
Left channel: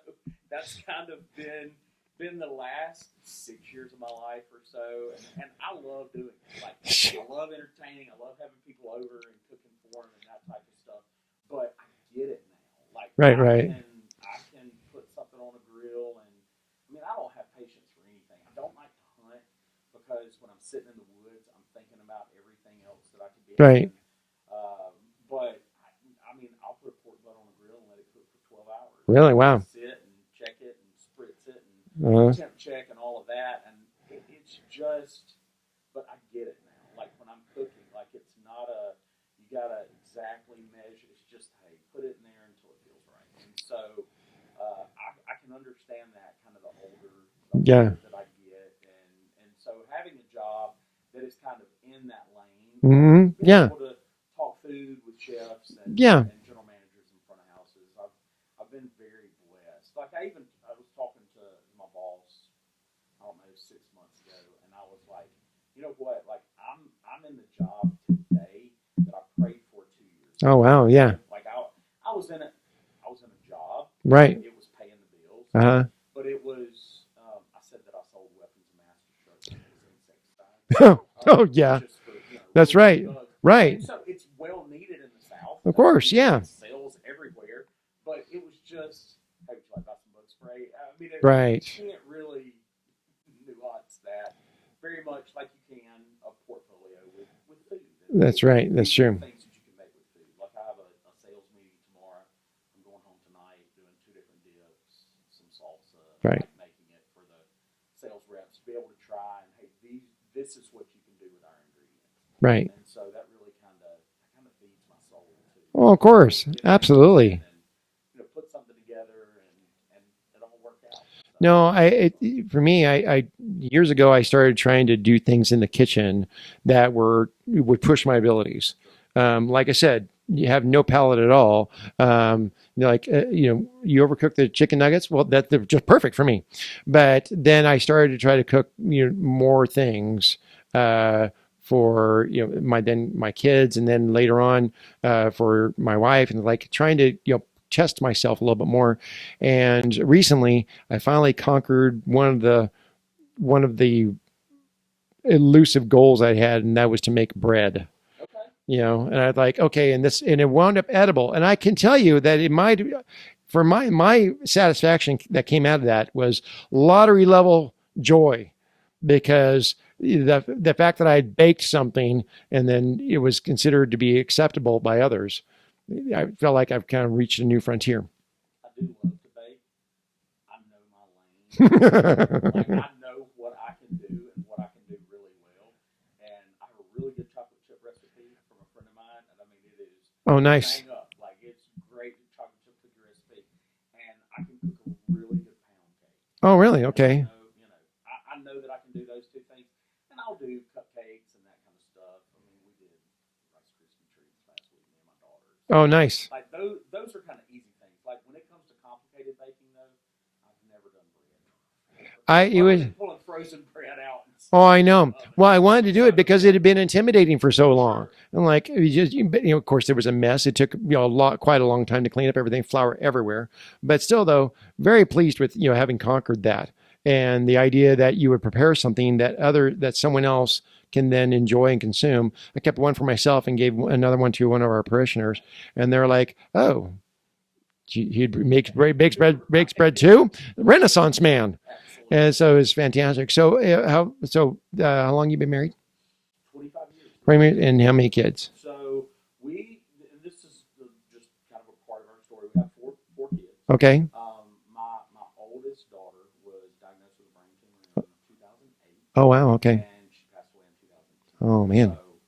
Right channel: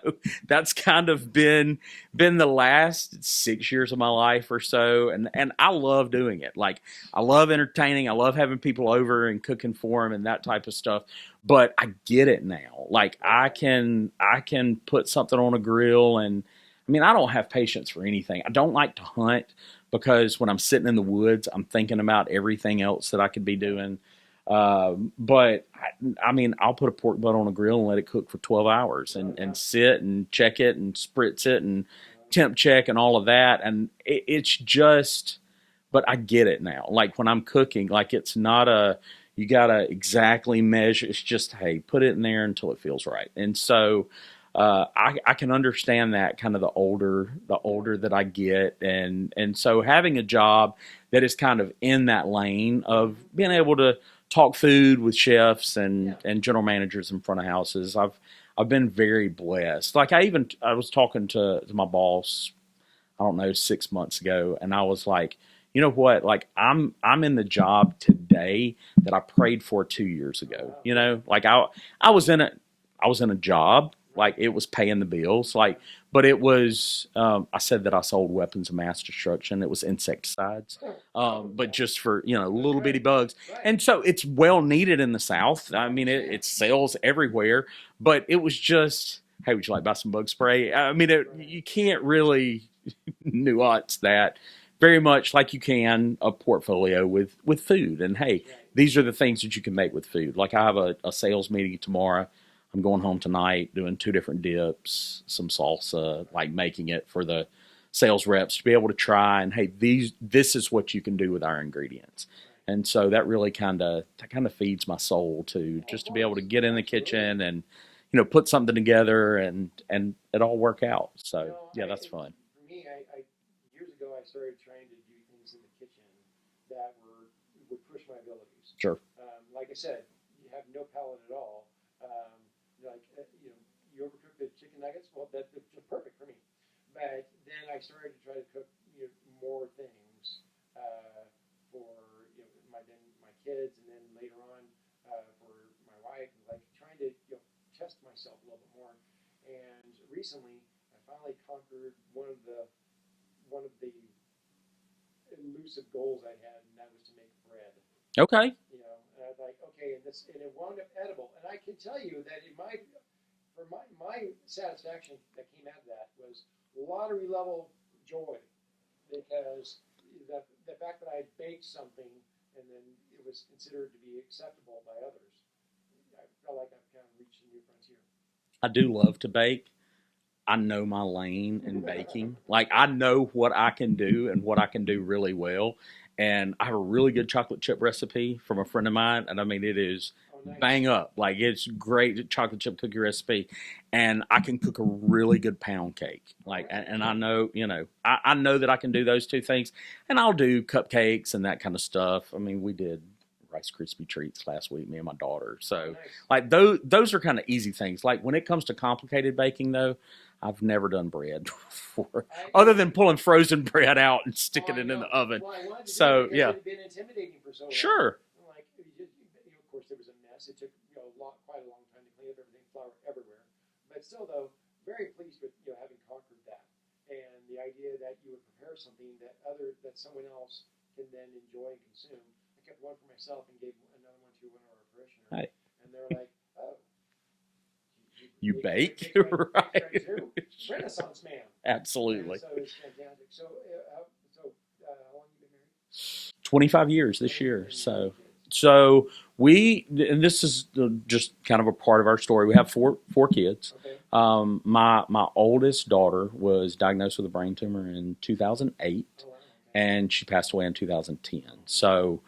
that's kind of been the last 6 years of my life or so. And I love doing it. Like, I love entertaining. I love having people over and cooking for them and that type of stuff. But I get it now. Like, Right. I can put something on a grill, and I mean, I don't have patience for anything. I don't like to hunt because when I'm sitting in the woods, I'm thinking about everything else that I could be Right. doing. But I mean, I'll put a pork butt on a grill and let it cook for 12 hours. Really? And Wow. sit and check it and spritz it and Uh-huh. temp check and all of that. And it's just, but I get it now. Like when I'm cooking, like it's not you got to exactly measure. It's just, hey, put it in there until it feels right. And so, I can understand that kind of the older that I get. And so having a job that is kind of in that lane of being able to talk food with chefs and general managers in front of houses, I've been very blessed. Like I was talking to my boss, I don't know, 6 months ago, and I was like, you know what? Like I'm in the job today that I prayed for 2 years ago. Oh wow, you know? Like I was in a job, right? Like it was paying the bills, like, but it was. I said that I sold weapons of mass destruction. It was insecticides. Yeah, but just for that's little right, bitty bugs, right? And so it's well needed in the South. Of course, it sells everywhere. But it was just, hey, would you like to buy some bug spray? I mean, you can't really nuance that very much like you can a portfolio with food. And that's hey, right. These are the things that you can make with food. Like I have a sales meeting tomorrow. I'm going home tonight doing 2 different dips, some salsa, like making it for the sales reps to be able to try and, hey, this is what you can do with our ingredients. Right. And so that really kind of feeds my soul to of course. be able to get in Absolutely. the kitchen and put something together and it all work out. So No, that's fun. for me, I years ago I started trying to do things in the kitchen that would push my abilities. Sure. Like I said, you have no palate at all. Like you overcook the chicken nuggets. Well, they're just perfect for me. But then I started to try to cook more things for my kids, and then later on for my wife, and like trying to test myself a little bit more. And recently, I finally conquered one of the elusive goals I had, and that was to make bread. Okay. And I'd like, okay, and it wound up edible. And I can tell you that for my satisfaction that came out of that was lottery level joy, because the fact that I had baked something and then it was considered to be acceptable by others, I felt like I've kind of reached a new frontier. I do love to bake. I know my lane. Like I know what I can do and what I can do really well. And I have a really good chocolate chip recipe from a friend of mine. And I mean, it is nice. Bang up. Like it's great chocolate chip cookie recipe. And I can cook a really good pound cake. Oh, really? Okay. And I know that I can do those two things. And I'll do cupcakes and that kind of stuff. I mean, we did Rice Krispie treats last week, me and my daughter. So, nice. Like those are kind of easy things. Like when it comes to complicated baking, though, I've never done bread before, other than pulling frozen bread out and sticking it in the oven. Well, I wanted to do it because it had been intimidating for so long. Sure. And like, of course, there was a mess. It took quite a long time to clean up everything, flour everywhere. But still, though, very pleased with having conquered that, and the idea that you would prepare something that someone else can then enjoy and consume. I kept one for myself and gave another one to one of our parishioners, right. And they're like, "Oh, he bakes bread too." Renaissance man. Absolutely. And so it's fantastic. So how long you been married? 25 years this year. And how many kids? So and this is just kind of a part of our story. We have four kids. Okay. My oldest daughter was diagnosed with a brain tumor in 2008. Oh, wow. Okay. And she passed away in 2010. Oh, man. So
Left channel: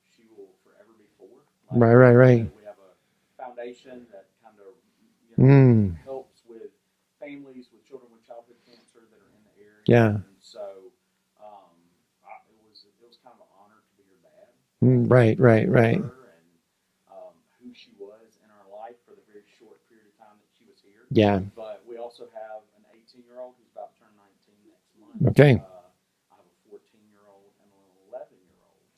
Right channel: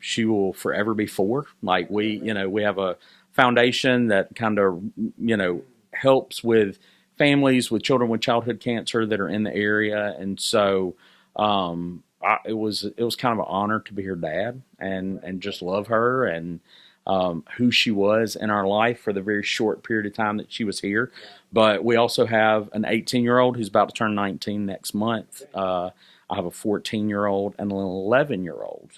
she will forever be four. Like right. We have a foundation that kind of helps with families with children with childhood cancer that are in the area. Yeah. And so it was kind of an honor to be her dad and love her and who she was in our life for the very short period of time that she was here. Yeah. But we also have an 18-year-old who's about to turn 19 next month. Okay. I have a 14-year-old and an 11-year-old.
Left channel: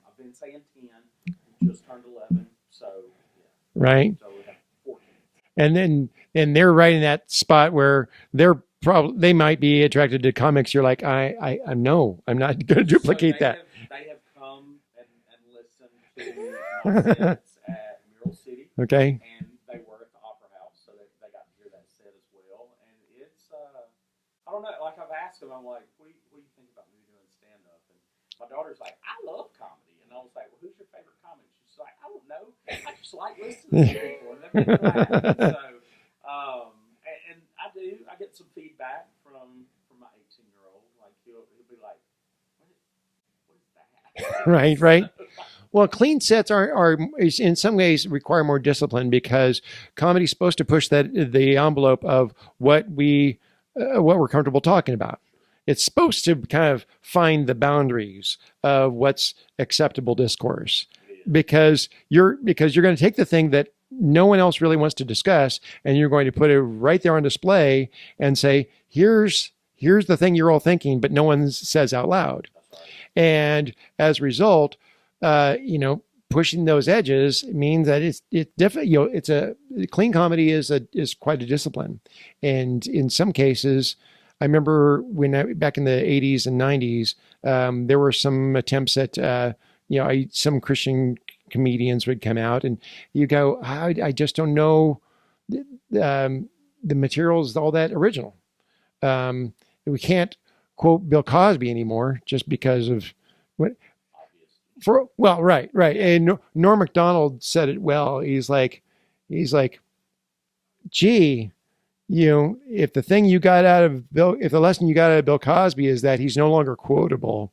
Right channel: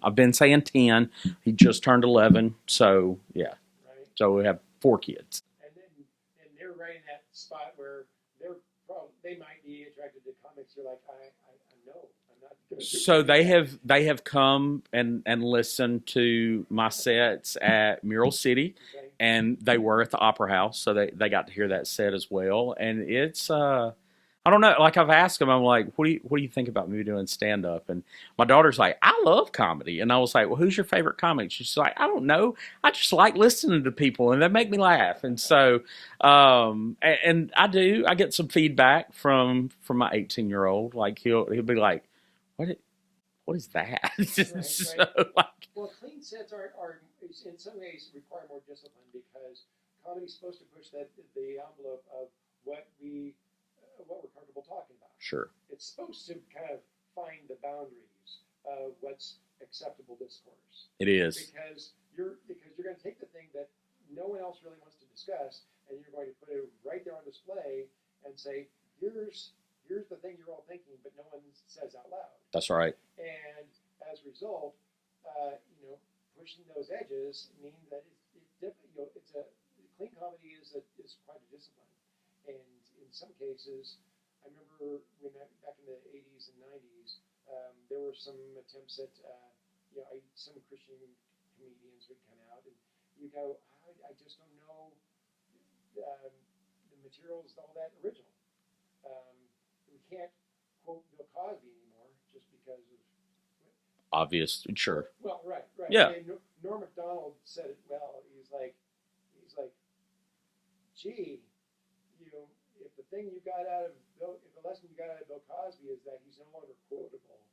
I've been saying 10. He just turned 11. So yeah. Right. So we have 4 kids. And they're right in that spot where they might be attracted to comics. You're like, I'm not going to duplicate so that. They have come and listened to my sets at Mural City. Okay. And they were at the Opera House, so they got to hear that set as well. And it's I don't know. Like I've asked them, I'm like, what do you think about me doing stand up? And my daughter's like, I love comedy. And I was like, well, who's your favorite comic? She's like, I don't know. I just like listening to people, and they make me laugh. And so, and I get some feedback from my 18-year-old. Like he'll be like, what is that? Right. So, well, clean sets are in some ways require more discipline, because comedy's supposed to push the envelope of what we're comfortable talking about. Sure. It's supposed to kind of find the boundaries of what's acceptable discourse. It is. Because you're going to take the thing that no one else really wants to discuss, and you're going to put it right there on display and say, here's the thing you're all thinking, but no one says out loud. That's right. And as a result, pushing those edges means that it's different. Clean comedy is quite a discipline, and in some cases, I remember back in the 80s and 90s, there were some attempts at some Christian comedians would come out, and you go, I just don't know the material is all that original. We can't quote Bill Cosby anymore just because of what. Obvious. Sure. Well, right. Yeah. And Norm Macdonald said it well. He's like, gee, if the lesson you got out of Bill Cosby is that he's no longer quotable,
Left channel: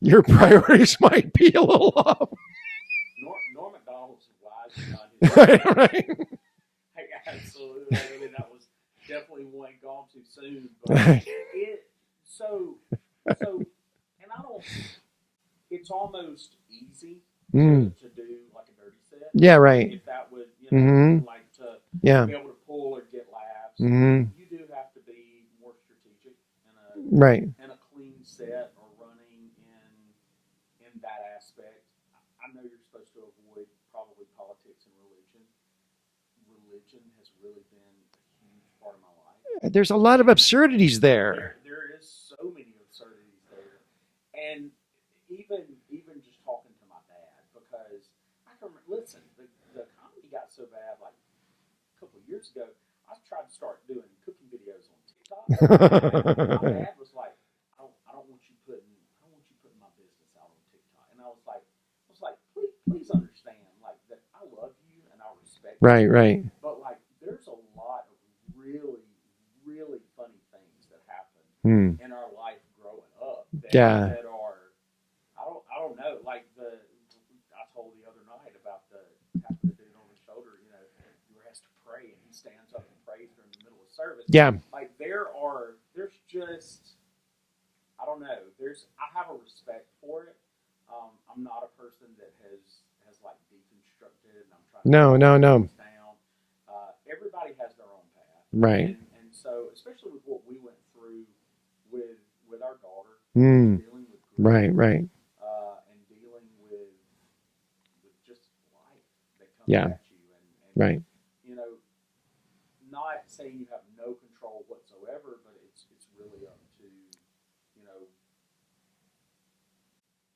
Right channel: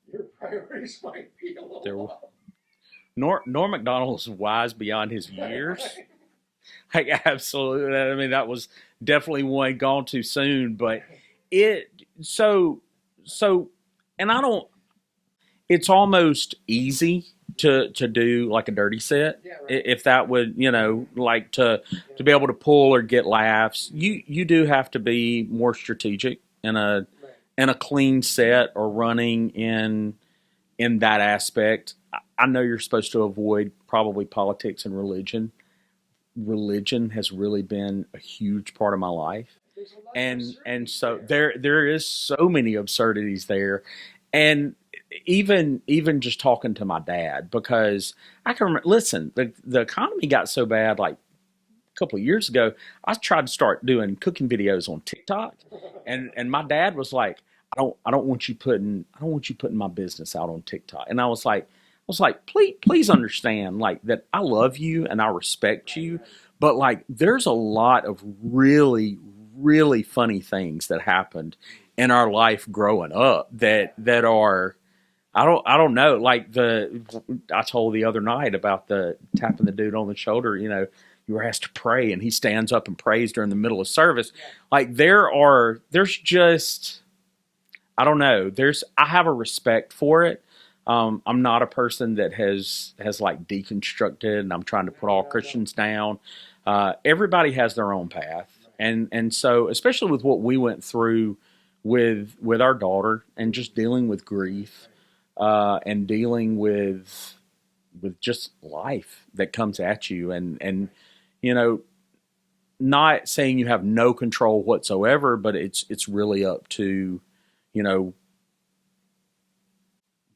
your priorities might be a little off. Norm Macdonald is wise beyond his years. Right. Like, absolutely. I mean, that was definitely one gone too soon, but it, so, and I don't, it's almost easy to do like a dirty set. Yeah, right. If that would, like to Yeah. be able to pull or get laughs, Mm-hmm. you do have to be more strategic in a Right. clean set or running in that aspect. I know you're supposed to avoid probably politics and religion. Religion has really been a huge part of my life. There's a lot of absurdities so there. There is so many absurdities there, and even just talking to my dad, because I can remember. Listen, the economy got so bad like a couple of years ago. I tried to start doing cooking videos on TikTok, and my dad was like, I don't want you putting my business out on TikTok. And I was like, please understand, like, that I love you and I respect you. Right. But like, there's a lot of really, really funny things that happened in our life growing up that are, I don't know. Like I told the other night about the tapping the dude on the shoulder, you were asked to pray and he stands up and prays during the middle of service. Yeah. Like there's just, I don't know. I have a respect for it. I'm not a person that has like deconstructed and I'm trying to put all Christians down. Everybody has their own path. Right. And so, especially with what we went through with our daughter and just dealing with grief. Right. And dealing with just life that comes at you and not saying you have no control whatsoever, but it's really up to,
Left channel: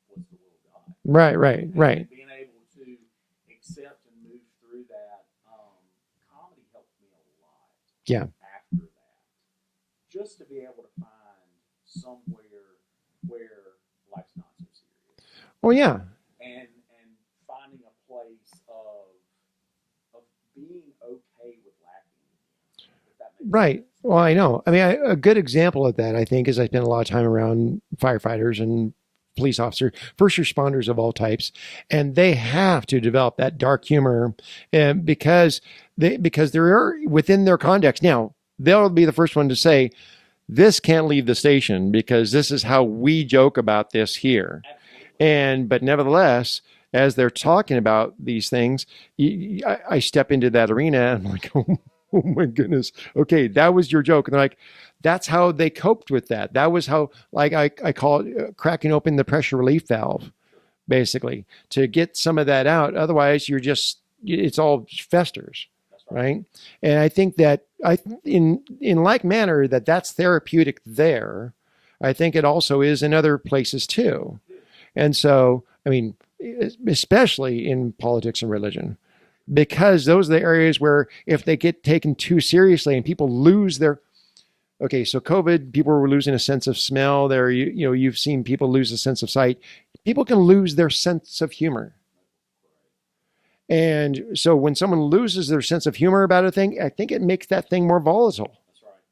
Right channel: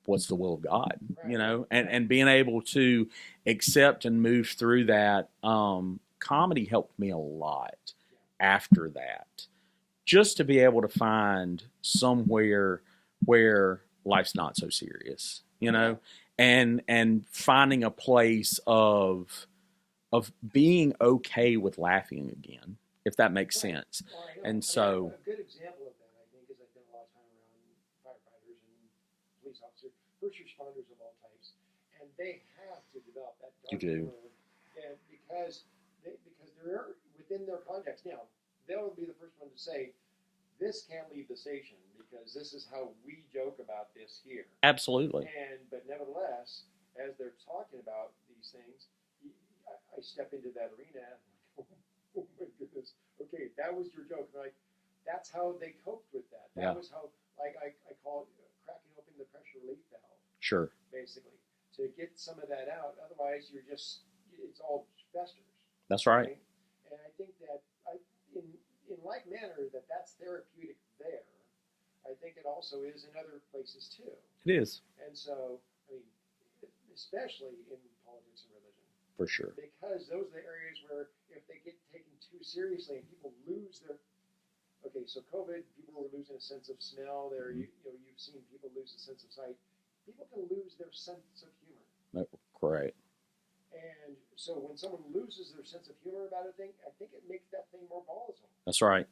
what's the will of God. Right. And being able to accept and move through that, comedy helped me a lot. Yeah. After that, just to be able to find somewhere where life's not so serious. You know? Yeah. And finding a place of being okay with laughing again, if that makes sense. Well, I know. A good example of that, I think, is I spent a lot of time around firefighters and police officers, first responders of all types, and they have to develop that dark humor, and because they're within their context. Now, they'll be the first one to say, this can't leave the station because this is how we joke about this here. Absolutely. But nevertheless, as they're talking about these things, I step into that arena and I'm like, oh my goodness. Okay, that was your joke. And they're like, that's how they coped with that. That was how, like, I call it cracking open the pressure relief valve. Sure. Basically, to get some of that out. Otherwise, it's all festers. That's right. And I think that in like manner that's therapeutic there. I think it also is in other places too. It is. And so, I mean, especially in politics and religion. For sure. Because those are the areas where if they get taken too seriously and people lose their, okay, so COVID, people were losing a sense of smell there. You've seen people lose a sense of sight. People can lose their sense of humor. Right. And so when someone loses their sense of humor about a thing, I think it makes that thing more volatile. That's right.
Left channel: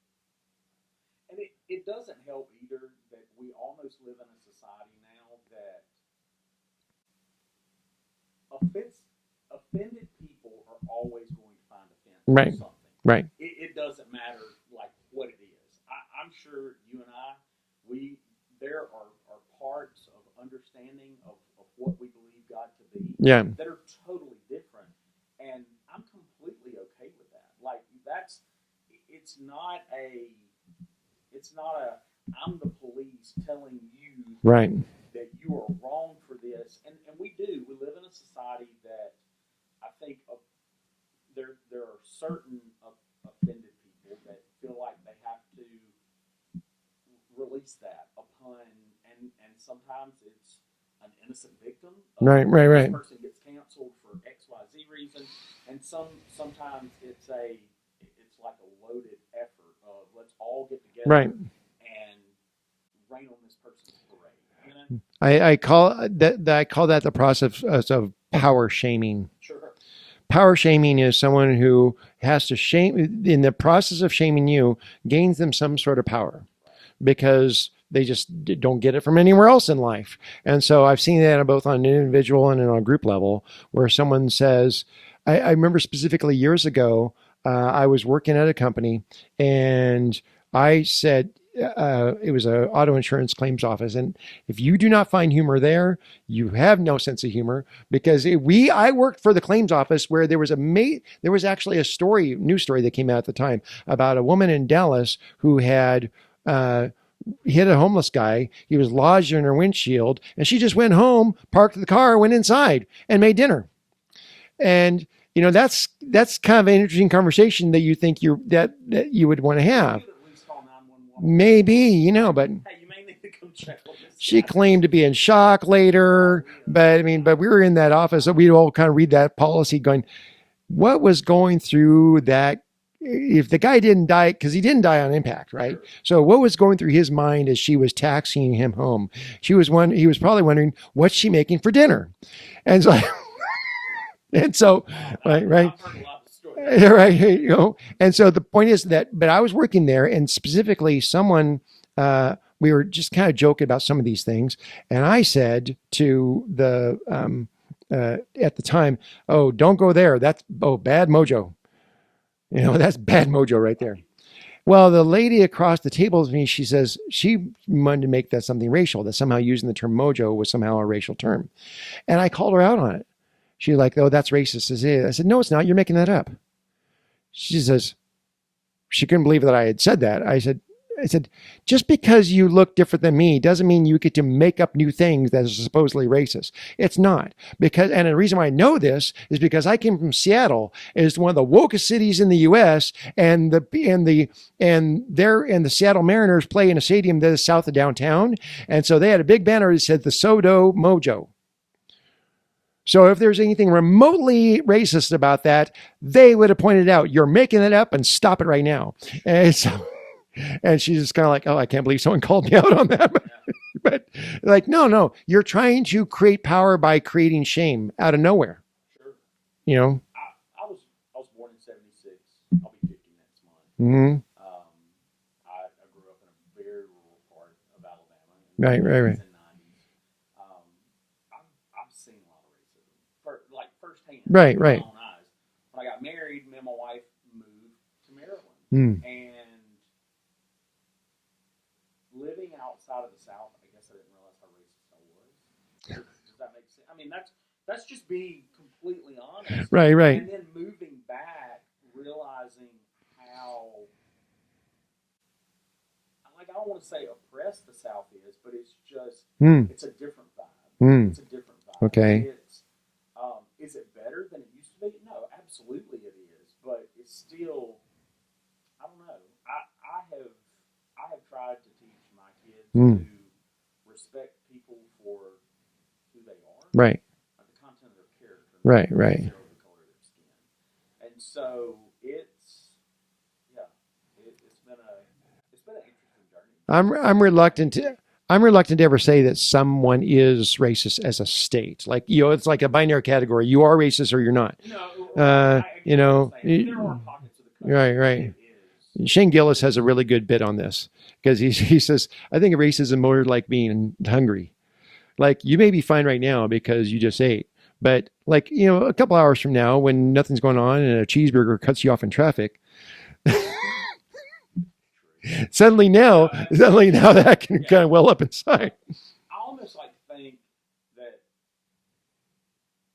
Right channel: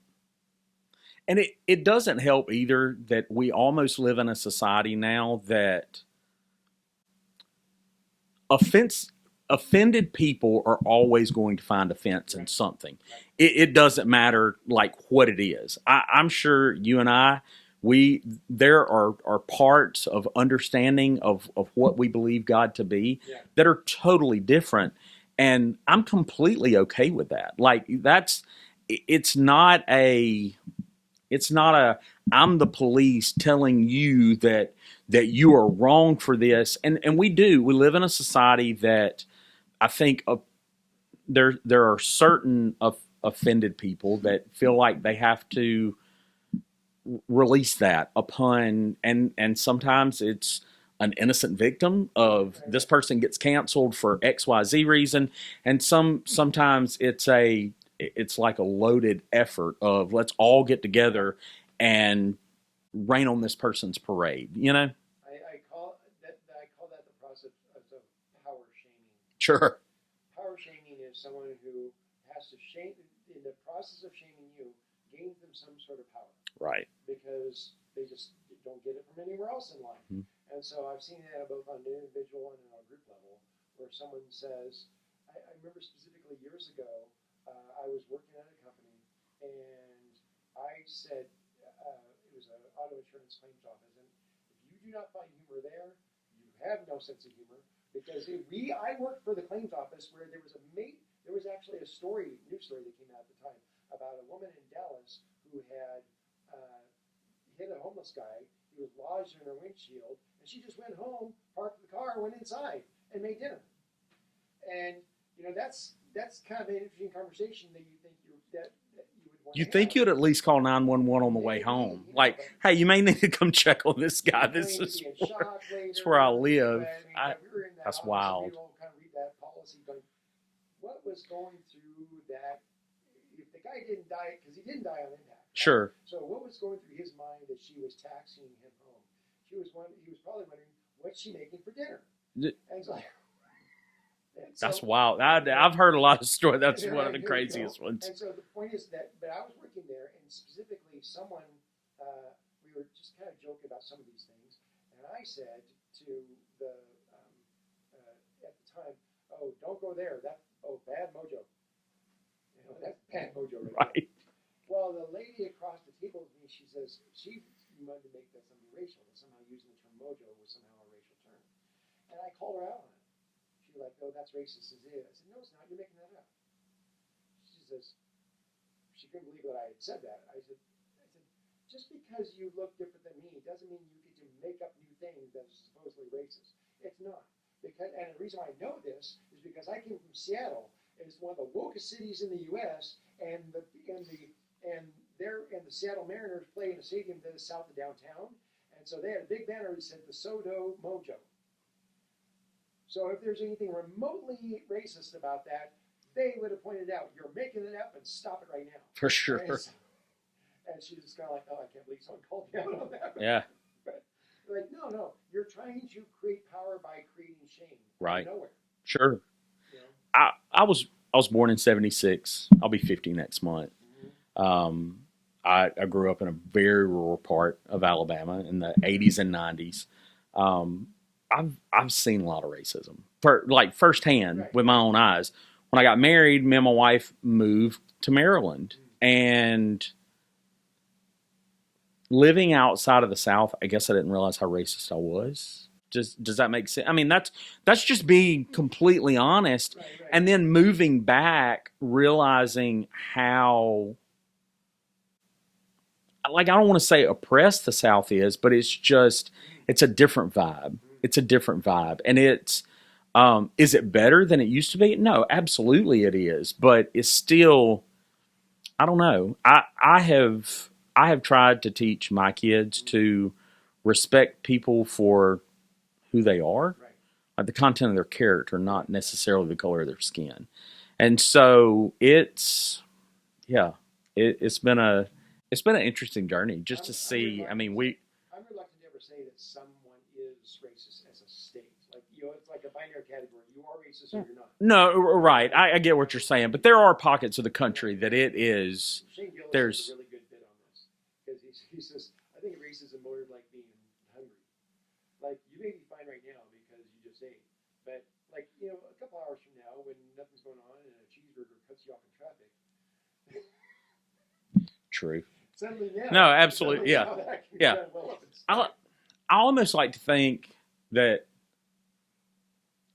And it doesn't help either that we almost live in a society now that offended people are always going to find offense in something. Right. It doesn't matter like what it is. I'm sure you and I, there are parts of understanding of what we believe God to be that are totally different. And I'm completely okay with that. Like it's not a I'm the police telling you that you are wrong for this. And we live in a society that I think there are certain offended people that feel like they have to release that upon, and sometimes it's an innocent victim of this person gets canceled for XYZ reason. And sometimes it's like a loaded effort of let's all get together and rain on this person's parade, I call that the process of power shaming. Sure. Power shaming is someone who has to shame, in the process of shaming you, gains them some sort of power. Right. Because they just don't get it from anywhere else in life. Mm-hmm. And so I've seen that both on an individual and on a group level, where someone says, I remember specifically years ago, I was working at a company, and I said, it was an auto insurance claims office, and if you do not find humor there, you have no sense of humor. Because I worked for the claims office where there was actually a news story that came out at the time about a woman in Dallas who had hit a homeless guy. He was lodged in her windshield, and she just went home, parked the car, went inside, and made dinner. And that's kind of an interesting conversation that you think that you would want to have. I think you'd at least call 911 on the maybe, way home. but hey, you may need to come check on this She guy. claimed to be in shock later, but but we were in that office, so we'd all kind of read that policy, going, what was going through that? If the guy didn't die, because he didn't die on impact, right? Sure. So what was going through his mind as she was taxiing him home? He was probably wondering, what's she making for dinner? And so. And so, wow, I've heard a lot of stories. Right, and so the point is but I was working there, and specifically someone, we were just kind of joking about some of these things, and I said to the at the time, "Oh, don't go there. That's bad mojo. That's bad mojo right there." Well, the lady across the table with me, she says she wanted to make that something racial, that somehow using the term mojo was somehow a racial term, and I called her out on it. She's like, "Oh, that's racist." I said, "No, it's not. You're making that up." She says, she couldn't believe that I had said that. I said, just because you look different than me doesn't mean you get to make up new things that are supposedly racist. It's not. And the reason why I know this is because I came from Seattle. It's one of the wokest cities in the U.S. and the Seattle Mariners play in a stadium that is south of downtown. And so they had a big banner that said the SoDo Mojo. So if there's anything remotely racist about that, they would have pointed out, you're making it up and stop it right now. For sure. And she's just kind of like, oh, I can't believe someone called me out on that. Yeah. But like, no, you're trying to create power by creating shame out of nowhere. Sure. I was born in 1976. I'll be 50 next month. Mm-hmm. I grew up in a very rural part of Alabama in the 80s and 90s. I've seen a lot of racism, firsthand with my own eyes. When I got married, me and my wife moved to Maryland, and living outside of the South, I guess I didn't realize how racist I was. Does that make sense? I mean, that's just being completely honest, right? And then moving back, realizing how, I don't want to say oppressed the South is, but it's just, it's a different vibe. It's a different vibe. Okay. And it's, is it better than it used to be? No, absolutely it is. But it's still, I don't know. I have tried to teach my kids to respect people for who they are. Right. Like the content of their character, not necessarily the color of their skin. And so it's been an interesting journey. I'm reluctant to ever say that someone is racist as a state. It's like a binary category. You are racist or you're not. No, right. I get what you're saying, but there are pockets of the country that it is. Shane Gillis has a really good bit on this because he says, I think racism more like being hungry. Like, you may be fine right now because you just ate, but a couple hours from now when nothing's going on and a cheeseburger cuts you off in traffic, true. Suddenly now that can kind of well up inside. Well, I almost like to think that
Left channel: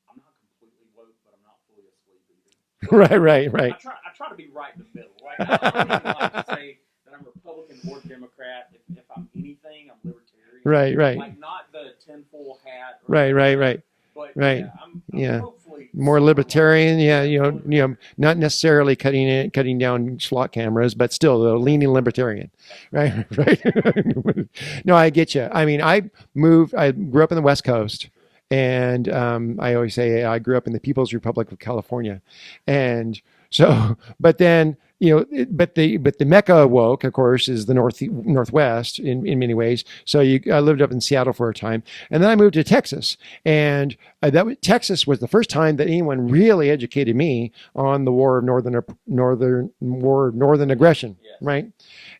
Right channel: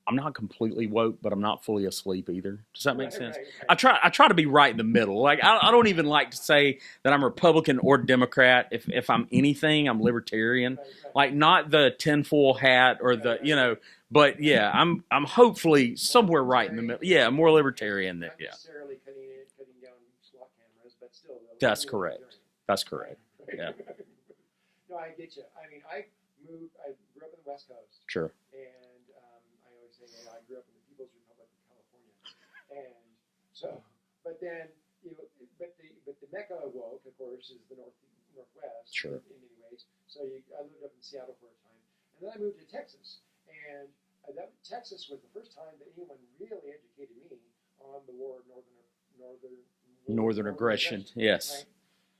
I'm not completely woke, but I'm not fully asleep either. Right. I try to be right in the middle. Like I don't even like to say that I'm Republican or Democrat. If I'm anything, I'm libertarian. Right. Like not the tinfoil hat or right. But I'm hopefully more libertarian. More libertarian. Not necessarily cutting down SWAT cameras, but still leaning libertarian. That's correct. Right. Yeah. No, I get you. I mean, I grew up in the West Coast. Sure. And I always say I grew up in the People's Republic of California, and so, but then. But the Mecca woke, of course, is the Northwest in many ways. So I lived up in Seattle for a time, and then I moved to Texas, and Texas was the first time that anyone really educated me on the War of Northern Aggression. Yes. Right.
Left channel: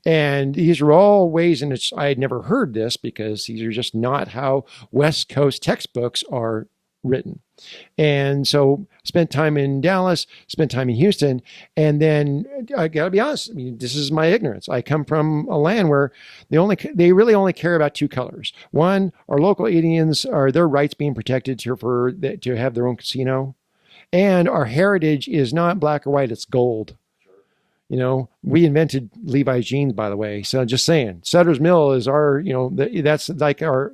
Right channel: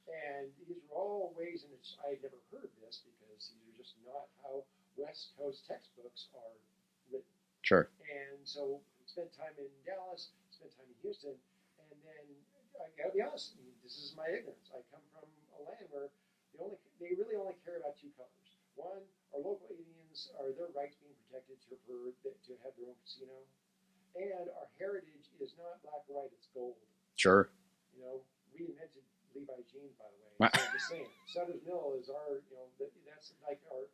And these are all ways in which I had never heard this because these are just not how West Coast textbooks are written. Sure. And so spent time in Dallas, spent time in Houston. And then I got to be honest, I mean, this is my ignorance. I come from a land where they really only care about two colors. One, our local Indians, are their rights being protected to have their own casino. And our heritage is not black or white, it's gold. Sure. You know, we invented Levi's jeans, by the way. So just saying, Sutter's Mill is our, you know, that's our,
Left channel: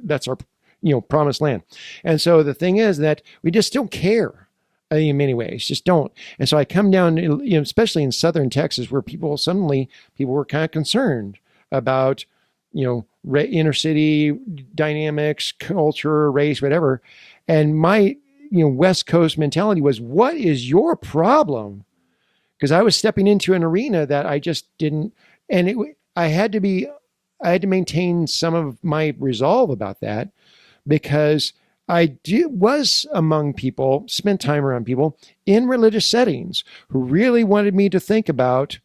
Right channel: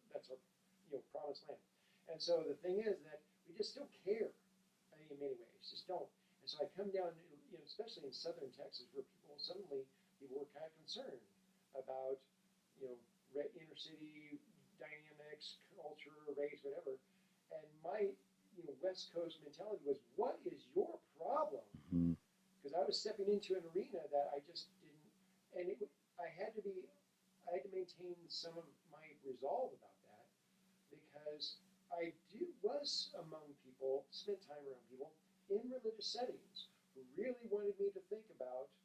you know, promised land. And so the thing is that we just don't care in many ways, just don't. And so I come down, you know, especially in Southern Texas, where people were kind of concerned about, you know, inner city dynamics, culture, race, whatever. And my, you know, West Coast mentality was, what is your problem? Mm-hmm. Because I was stepping into an arena that I just didn't, and I had to maintain some of my resolve about that, because I was among people, spent time around people in religious settings who really wanted me to think about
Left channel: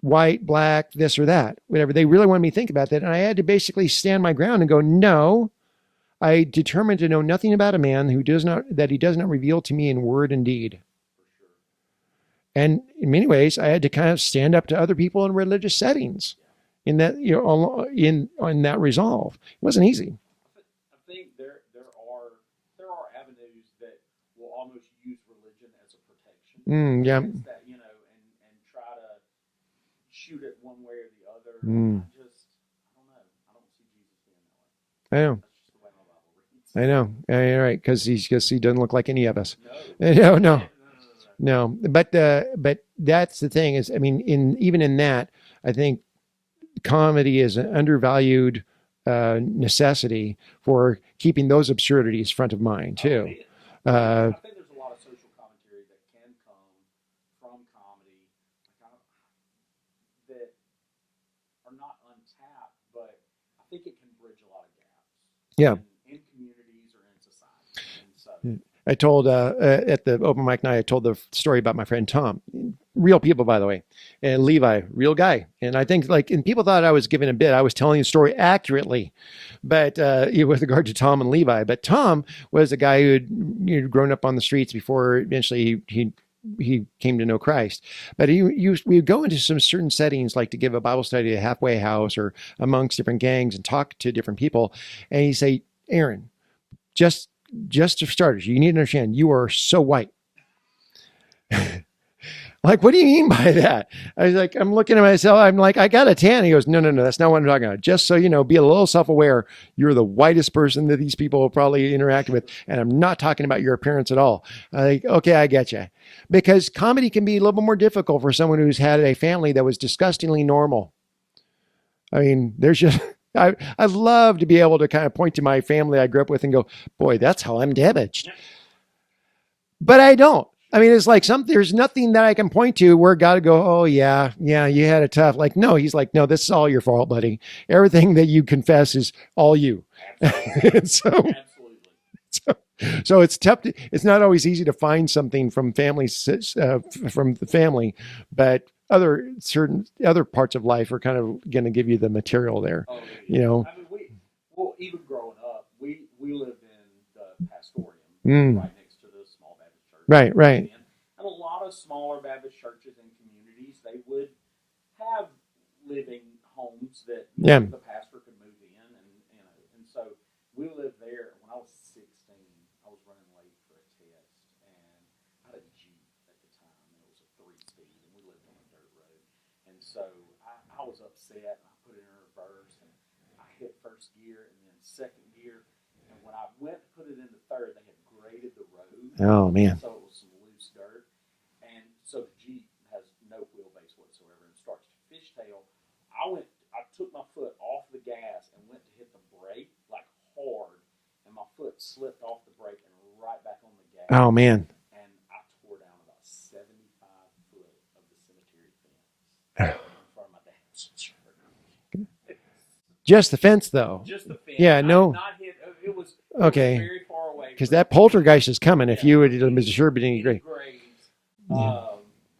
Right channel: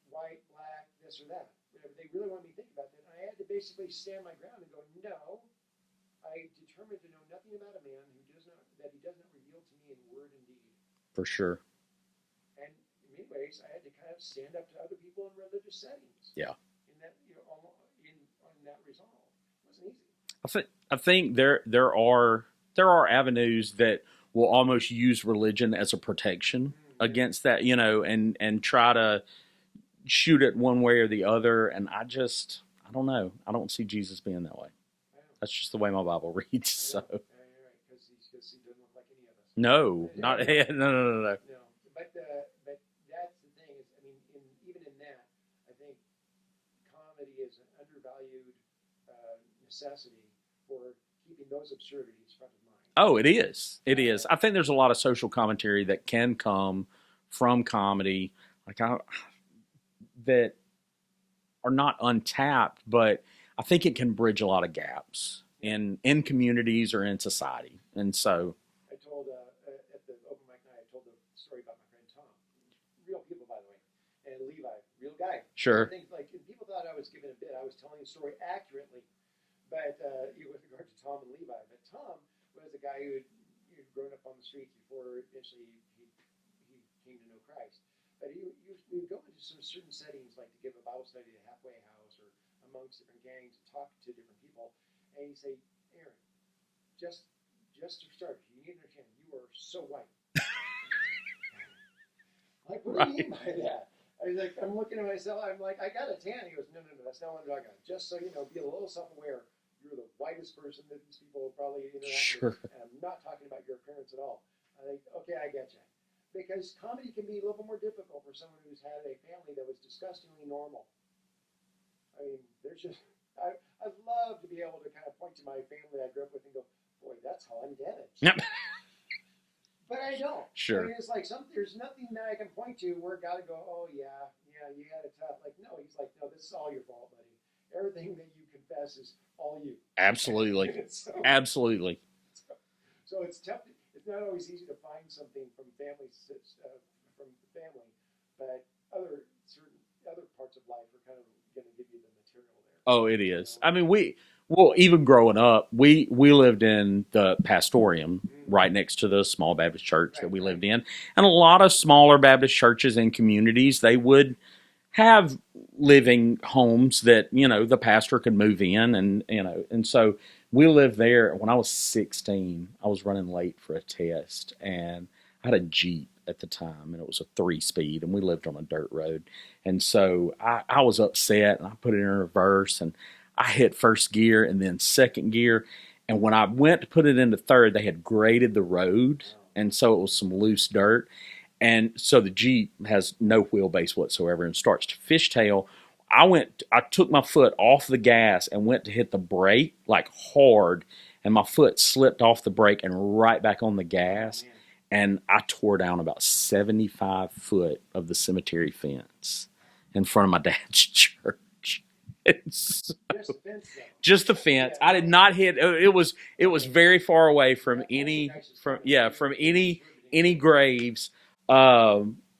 white, black, this or that, whatever. They really wanted me to think about that. And I had to basically stand my ground and go, no, I determined to know nothing about a man that he does not reveal to me in word and deed. For sure. And in many ways, I had to kind of stand up to other people in religious settings. Yeah. In that, you know, in that resolve, it wasn't easy. I think there are avenues that will almost use religion as a protection against that, you know, and try to shoot it one way or the other. And I don't know. I don't see Jesus being that way. I know. That's just the way my Bible reads. I know. So. Yeah, right. Because he doesn't look like any of us. No. No. But that's the thing is, I mean, even in that, I think comedy is an undervalued necessity for keeping those absurdities front of mind. Too. Oh, it is. It is. I think there's a lot of social commentary that can come from comedy, that are not untapped, but I think it can bridge a lot of gaps in communities or in society. And so I told at the open mic night, I told the story about my friend Tom, real people, by the way, and Levi, real guy. Sure. And I think and people thought I was giving a bit. I was telling the story accurately, but with regard to Tom and Levi. But Tom was a guy who had grown up on the streets before eventually he came to know Christ. But we would go into some certain settings, like to give a Bible study at a halfway house or amongst different gangs and talk to different people. And he'd say, Aaron, just for starters, you need to understand, you are so white. Like, what do you mean by that? I was like, I'm looking at myself. I'm like, I got a tan. He goes, no, that's not what I'm talking about. Just so you know, be a little self-aware. You're the whitest person that these people will probably interact with. And I'm not talking about your appearance at all. I'm like, okay, I get you. Because comedy can be a little bit more difficult for someone who's had a family that was disgustingly normal. I mean, there's just, I'd love to be able to kind of point to my family I grew up with and go, boy, that's how I'm damaged. Yep. But I don't. Sure. I mean, it's like there's nothing that I can point to where God would go, oh yeah, you had it tough. Like, no, he's like, no, this is all your fault, buddy. Everything that you confess is all you. Absolutely. Absolutely. So it's tough. It's not always easy to find something from from the family, but other parts of life are kind of going to give you the material there. Oh, it is. You know? I mean, even growing up, we lived in the Pastorium right next to the small Baptist church. Right. Lived in. And a lot of smaller Baptist churches and communities, they would have living homes that, you know, the pastor could move in and so we lived there. When I was 16, I was running late for a test and I had a Jeep at the time and it was a 3-speed and we lived on a dirt road. And so I was upset and I put it in reverse and I hit first gear and then second gear. And when I went to put it into third, they had graded the road. Oh, man. And so it was some loose dirt. And so the Jeep has no wheelbase whatsoever and starts to fishtail. I took my foot off the gas and went to hit the brake like hard. And my foot slipped off the brake and right back on the gas. Oh, man. And I tore down about 75 foot of the cemetery fence in front of my dad's church. Just the fence, though. Just the fence. Yeah, I did not hit. It was very far away from that poltergeist is coming. If you would any graves.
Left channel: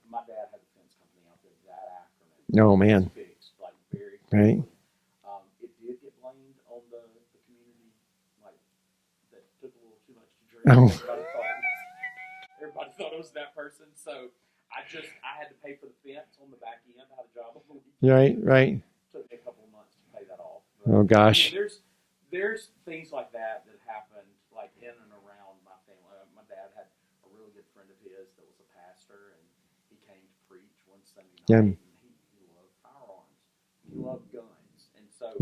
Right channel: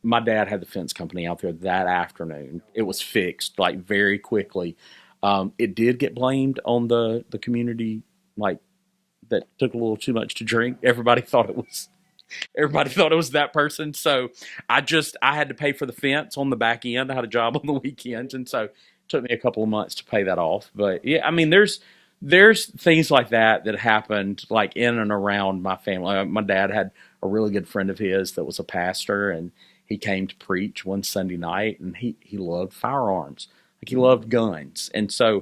My dad had the fence company out there that afternoon. Oh, it man. was fixed like very quickly. Right. It did get blamed on the community, like that took a little too much to drink. Oh. Everybody thought it was that person. So I had to pay for the fence on the back end. I had a job on the weekends, and so it took me a couple of months to pay that off. But yeah, I mean, there's things like that happened like in and around my family. My dad had a really good friend of his that was a pastor, and he came to preach one Sunday night, and he loved firearms. Like, he loved guns. And so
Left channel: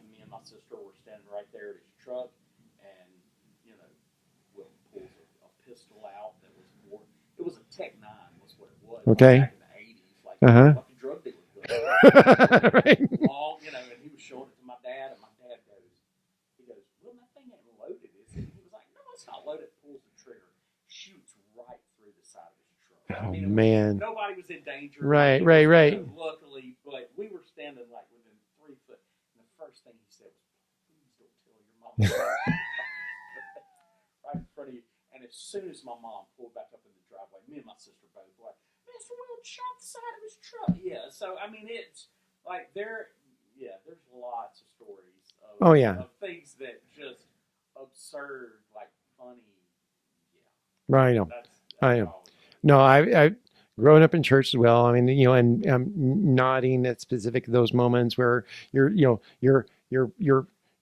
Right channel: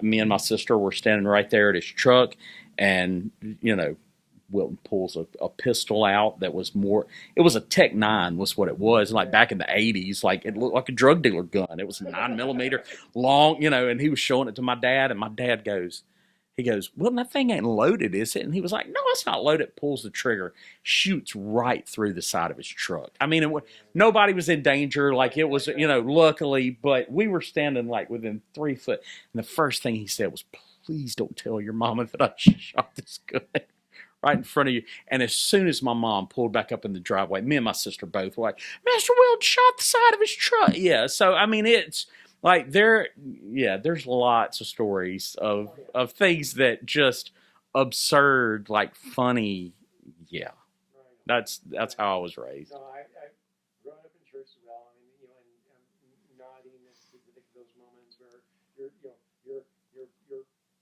me and my sister were standing right there at his truck, and, you know, Wilton pulls a pistol out that was it was a Tech 9 was what it was, like back in the 80s, like a drug dealer gun. It was 9mm long, you know, and he was showing it to my dad, and my dad goes, well, that thing ain't loaded, is it? And he was like, no, it's not loaded. Pulls the trigger, shoots right through the side of his truck. I mean, nobody was in danger. Like, it was, you know, luckily, but we were standing like within 3 foot. And the first thing he said was, please don't tell your mama that I shot this gun right in front of you. And as soon as my mom pulled back up in the driveway, me and my sister both were like, Mr. Wilton shot the side of his truck. Yeah. So, I mean, it's like there's lots of stories of things that just absurd, like funny. Yeah. Right. That's how I was raised. No, I growing up in church as well. I mean, you know, and nodding at specific those moments where you're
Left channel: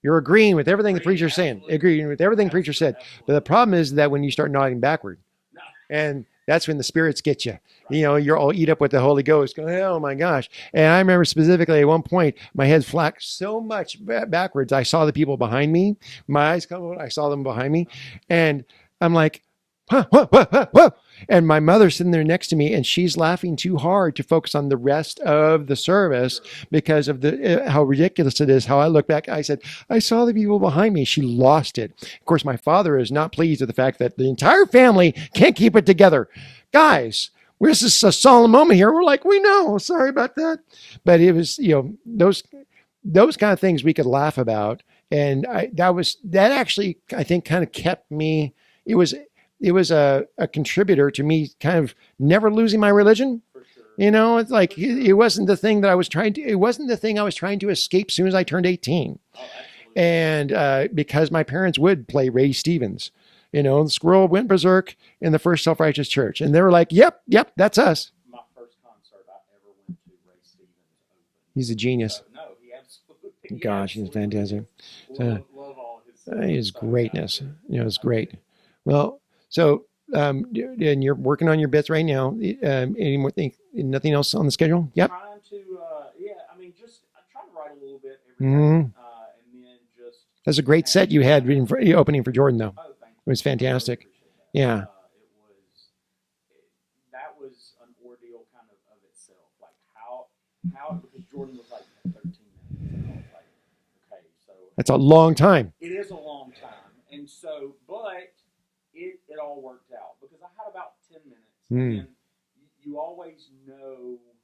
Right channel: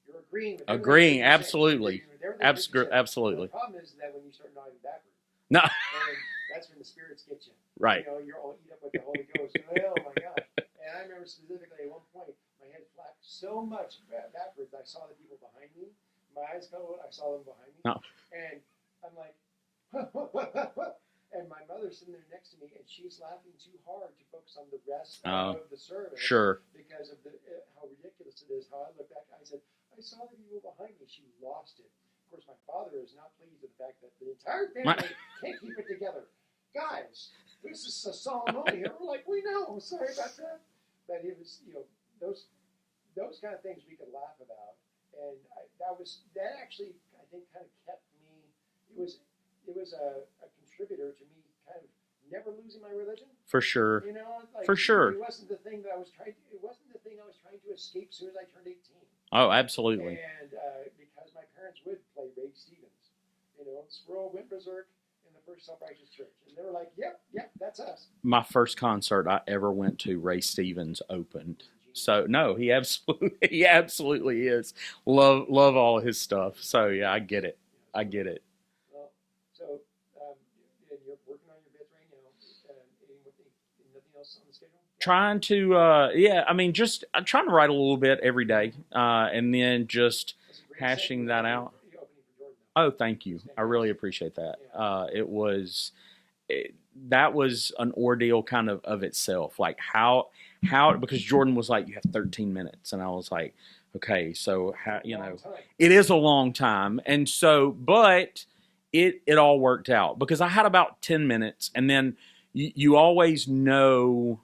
agreeing with everything the preacher's saying. Agreeing with everything the preacher said. Absolutely. But the problem is that when you start nodding backward. No. And that's when the spirits get you. Right. You know, you're all eat up with the Holy Ghost. Going, oh my gosh. And I remember specifically at one point, my head flacked so much backwards. I saw the people behind me. My eyes come out. I saw them behind me. No. And I'm like, whoa. And my mother's sitting there next to me, and she's laughing too hard to focus on the rest of the service because of how ridiculous it is. How I look back, I said, I saw the people behind me. She lost it. Of course, my father is not pleased with the fact that the entire family can't keep it together. Guys, this is a solemn moment here. We're like, we know. Sorry about that. But it was, you know, those kind of things we could laugh about. And that actually, I think, kind of kept me. It was a contributor to me kind of never losing my religion. For sure. You know, it's like, it wasn't the thing that I was trying to, it wasn't the thing I was trying to escape as soon as I turned 18. Oh, absolutely. And because my parents would play Ray Stevens, you know, the squirrel went berserk in the First Self-Righteous Church. And they were like, yep, that's us. My first concert I ever went to, Ray Stevens open. He's a genius. So no, he absolutely is. Love all of his stuff. So greatness. Yeah, I get it. You know, it's great. Get it. Well, so, and you're working on your bits right now. Any more thing? Nothing else on the schedule? Yeah. Trying to, I mean, I'm trying to write a little bit every day, and then just. That's a great set you had opening for Jordan, though. Oh, thank you. It was fantastic. I really appreciate that. Yeah. That was an ordeal kind of itself. Like how because Jordan was like, you have 13 minutes, and I was like, okay, so that's a long time. It is a long time, and so, but. It all worked out because I had about 10 minutes, and then you always know,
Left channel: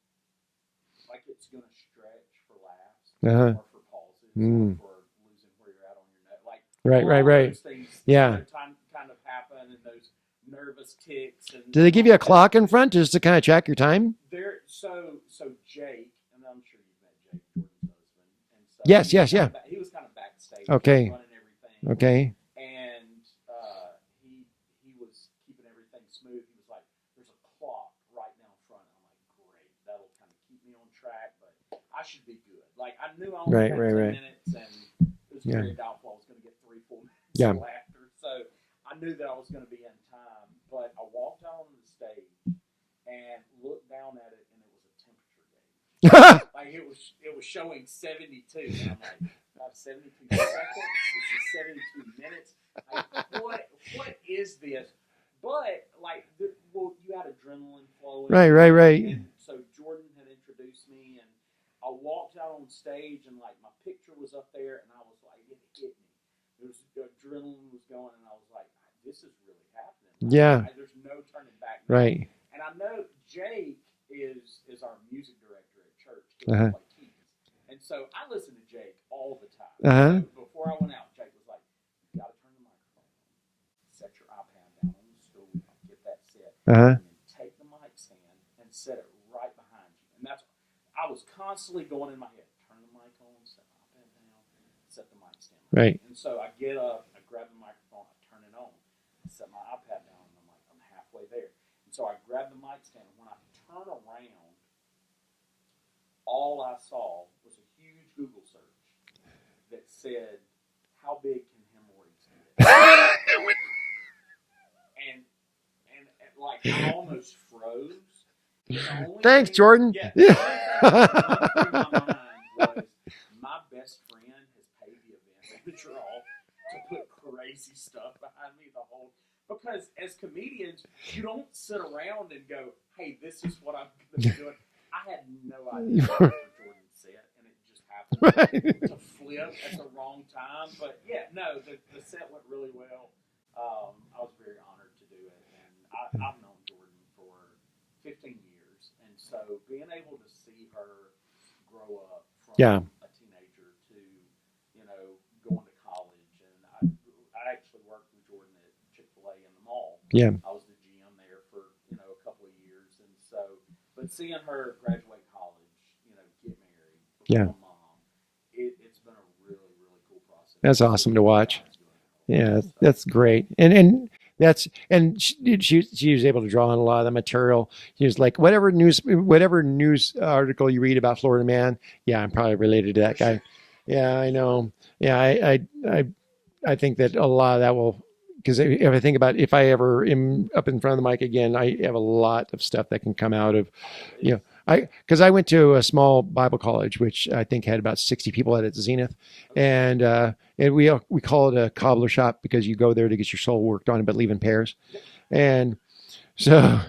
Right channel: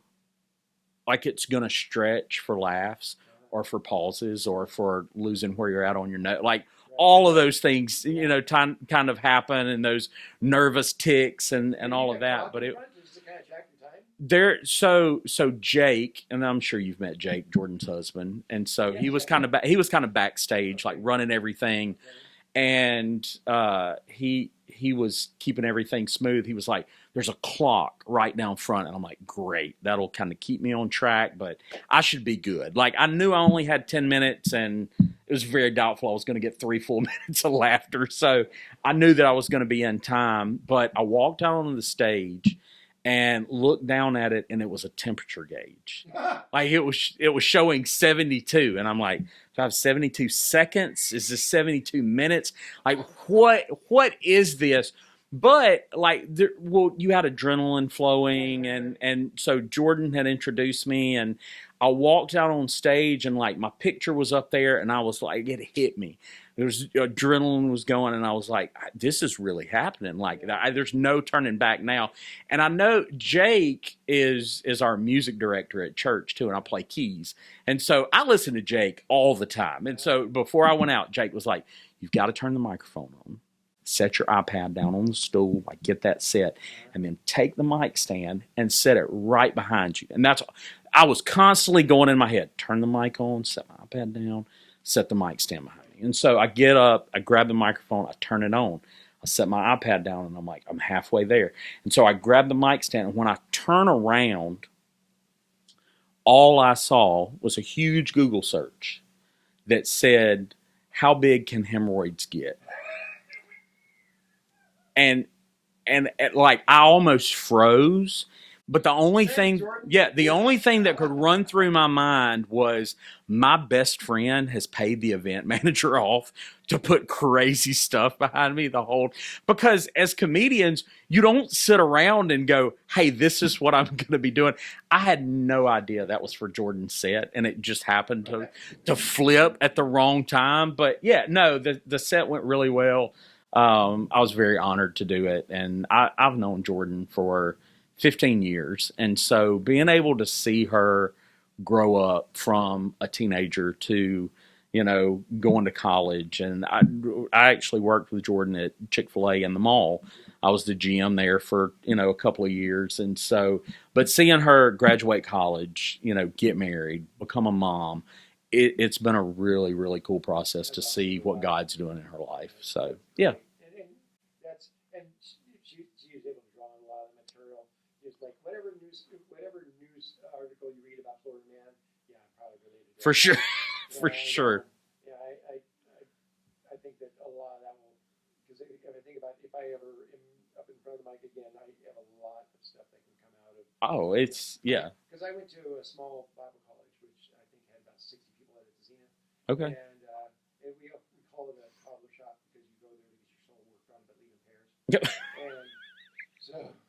like, it's going to stretch for laughs or for pauses or for losing where you're at on your note. Like all of those things, you know, kind of happen, and those nervous ticks. And do they give you a clock in front just to kind of track your time? So Jake, and I'm sure you've met Jake, Jordan's husband, and so he was kind of backstage, like running everything. Okay. And he was keeping everything smooth. He was like, there's a clock right down front. And I'm like, great. That'll kind of keep me on track, but I should be good. Like, I knew I only had 10 minutes, and it was very doubtful I was going to get 3 full minutes of laughter. So I knew that I was going to be in time, but I walked out onto the stage and looked down at it, and it was a temperature gauge. Like, it was showing 72, and I'm like, do I have 72 seconds? Is this 72 minutes? Like, what is this? But like, you had adrenaline flowing, right. And so Jordan had introduced me, and I walked out on stage, and like my picture was up there, and I was like, it hit me. There's adrenaline was going, and I was like, this is really happening. Like, there's no turning back now. Right. And I know Jake is our music director at church too, and I play keys. And so I listen to Jake all the time. So before I went out, Jake was like, you've got to turn the microphone on, set your iPad down on the stool, like get that set, and then take the mic stand and set it right behind you. And I was constantly going in my head, turn the mic on, set my iPad down, set the mic stand. Right. And so I get up, I grab the microphone, I turn it on. I set my iPad down, and I'm like, I'm halfway there. And so I grab the mic stand, and when I turn around, all I saw was a huge Google search that said, "How big can hemorrhoids get?" and like I almost froze. But the only thing, Jordan. yeah, the only thing that could run through my mind was my best friend has paid the event manager off to put crazy stuff behind me because as comedians, you don't sit around and go, "Hey, this is what I'm going to be doing." I had no idea that was for Jordan's set, and it just happened to flip at the wrong time. But yeah, no, the set went really well. I was very honored to do it, and I've known Jordan for 15 years. And so being able to see her grow up from a teenager to, going to college. And I actually worked with Jordan at Chick-fil-A in the mall. Yeah. I was the GM there for, a couple of years. And so, but seeing her graduate college, get married, become a mom, it's been a really, really cool process. That's awesome see to watch. What God's doing in her life. Yeah, so, that's great. Yeah. And she was able to draw on a lot of the material. She was like, whatever news article you read about Florida Man, yeah, I'm probably related to that. For guy. sure. Yeah, For I sure. know. Yeah, I think that a lot of that will, because if I think about if I ever am up in front of the mic again, I have a lot of stuff that can come out of. Oh, it's because I went to a small Bible college, which I think had about 60 people at its zenith, and we call it a cobbler shop because you go there to get your soul worked on, but leave in pairs, and so.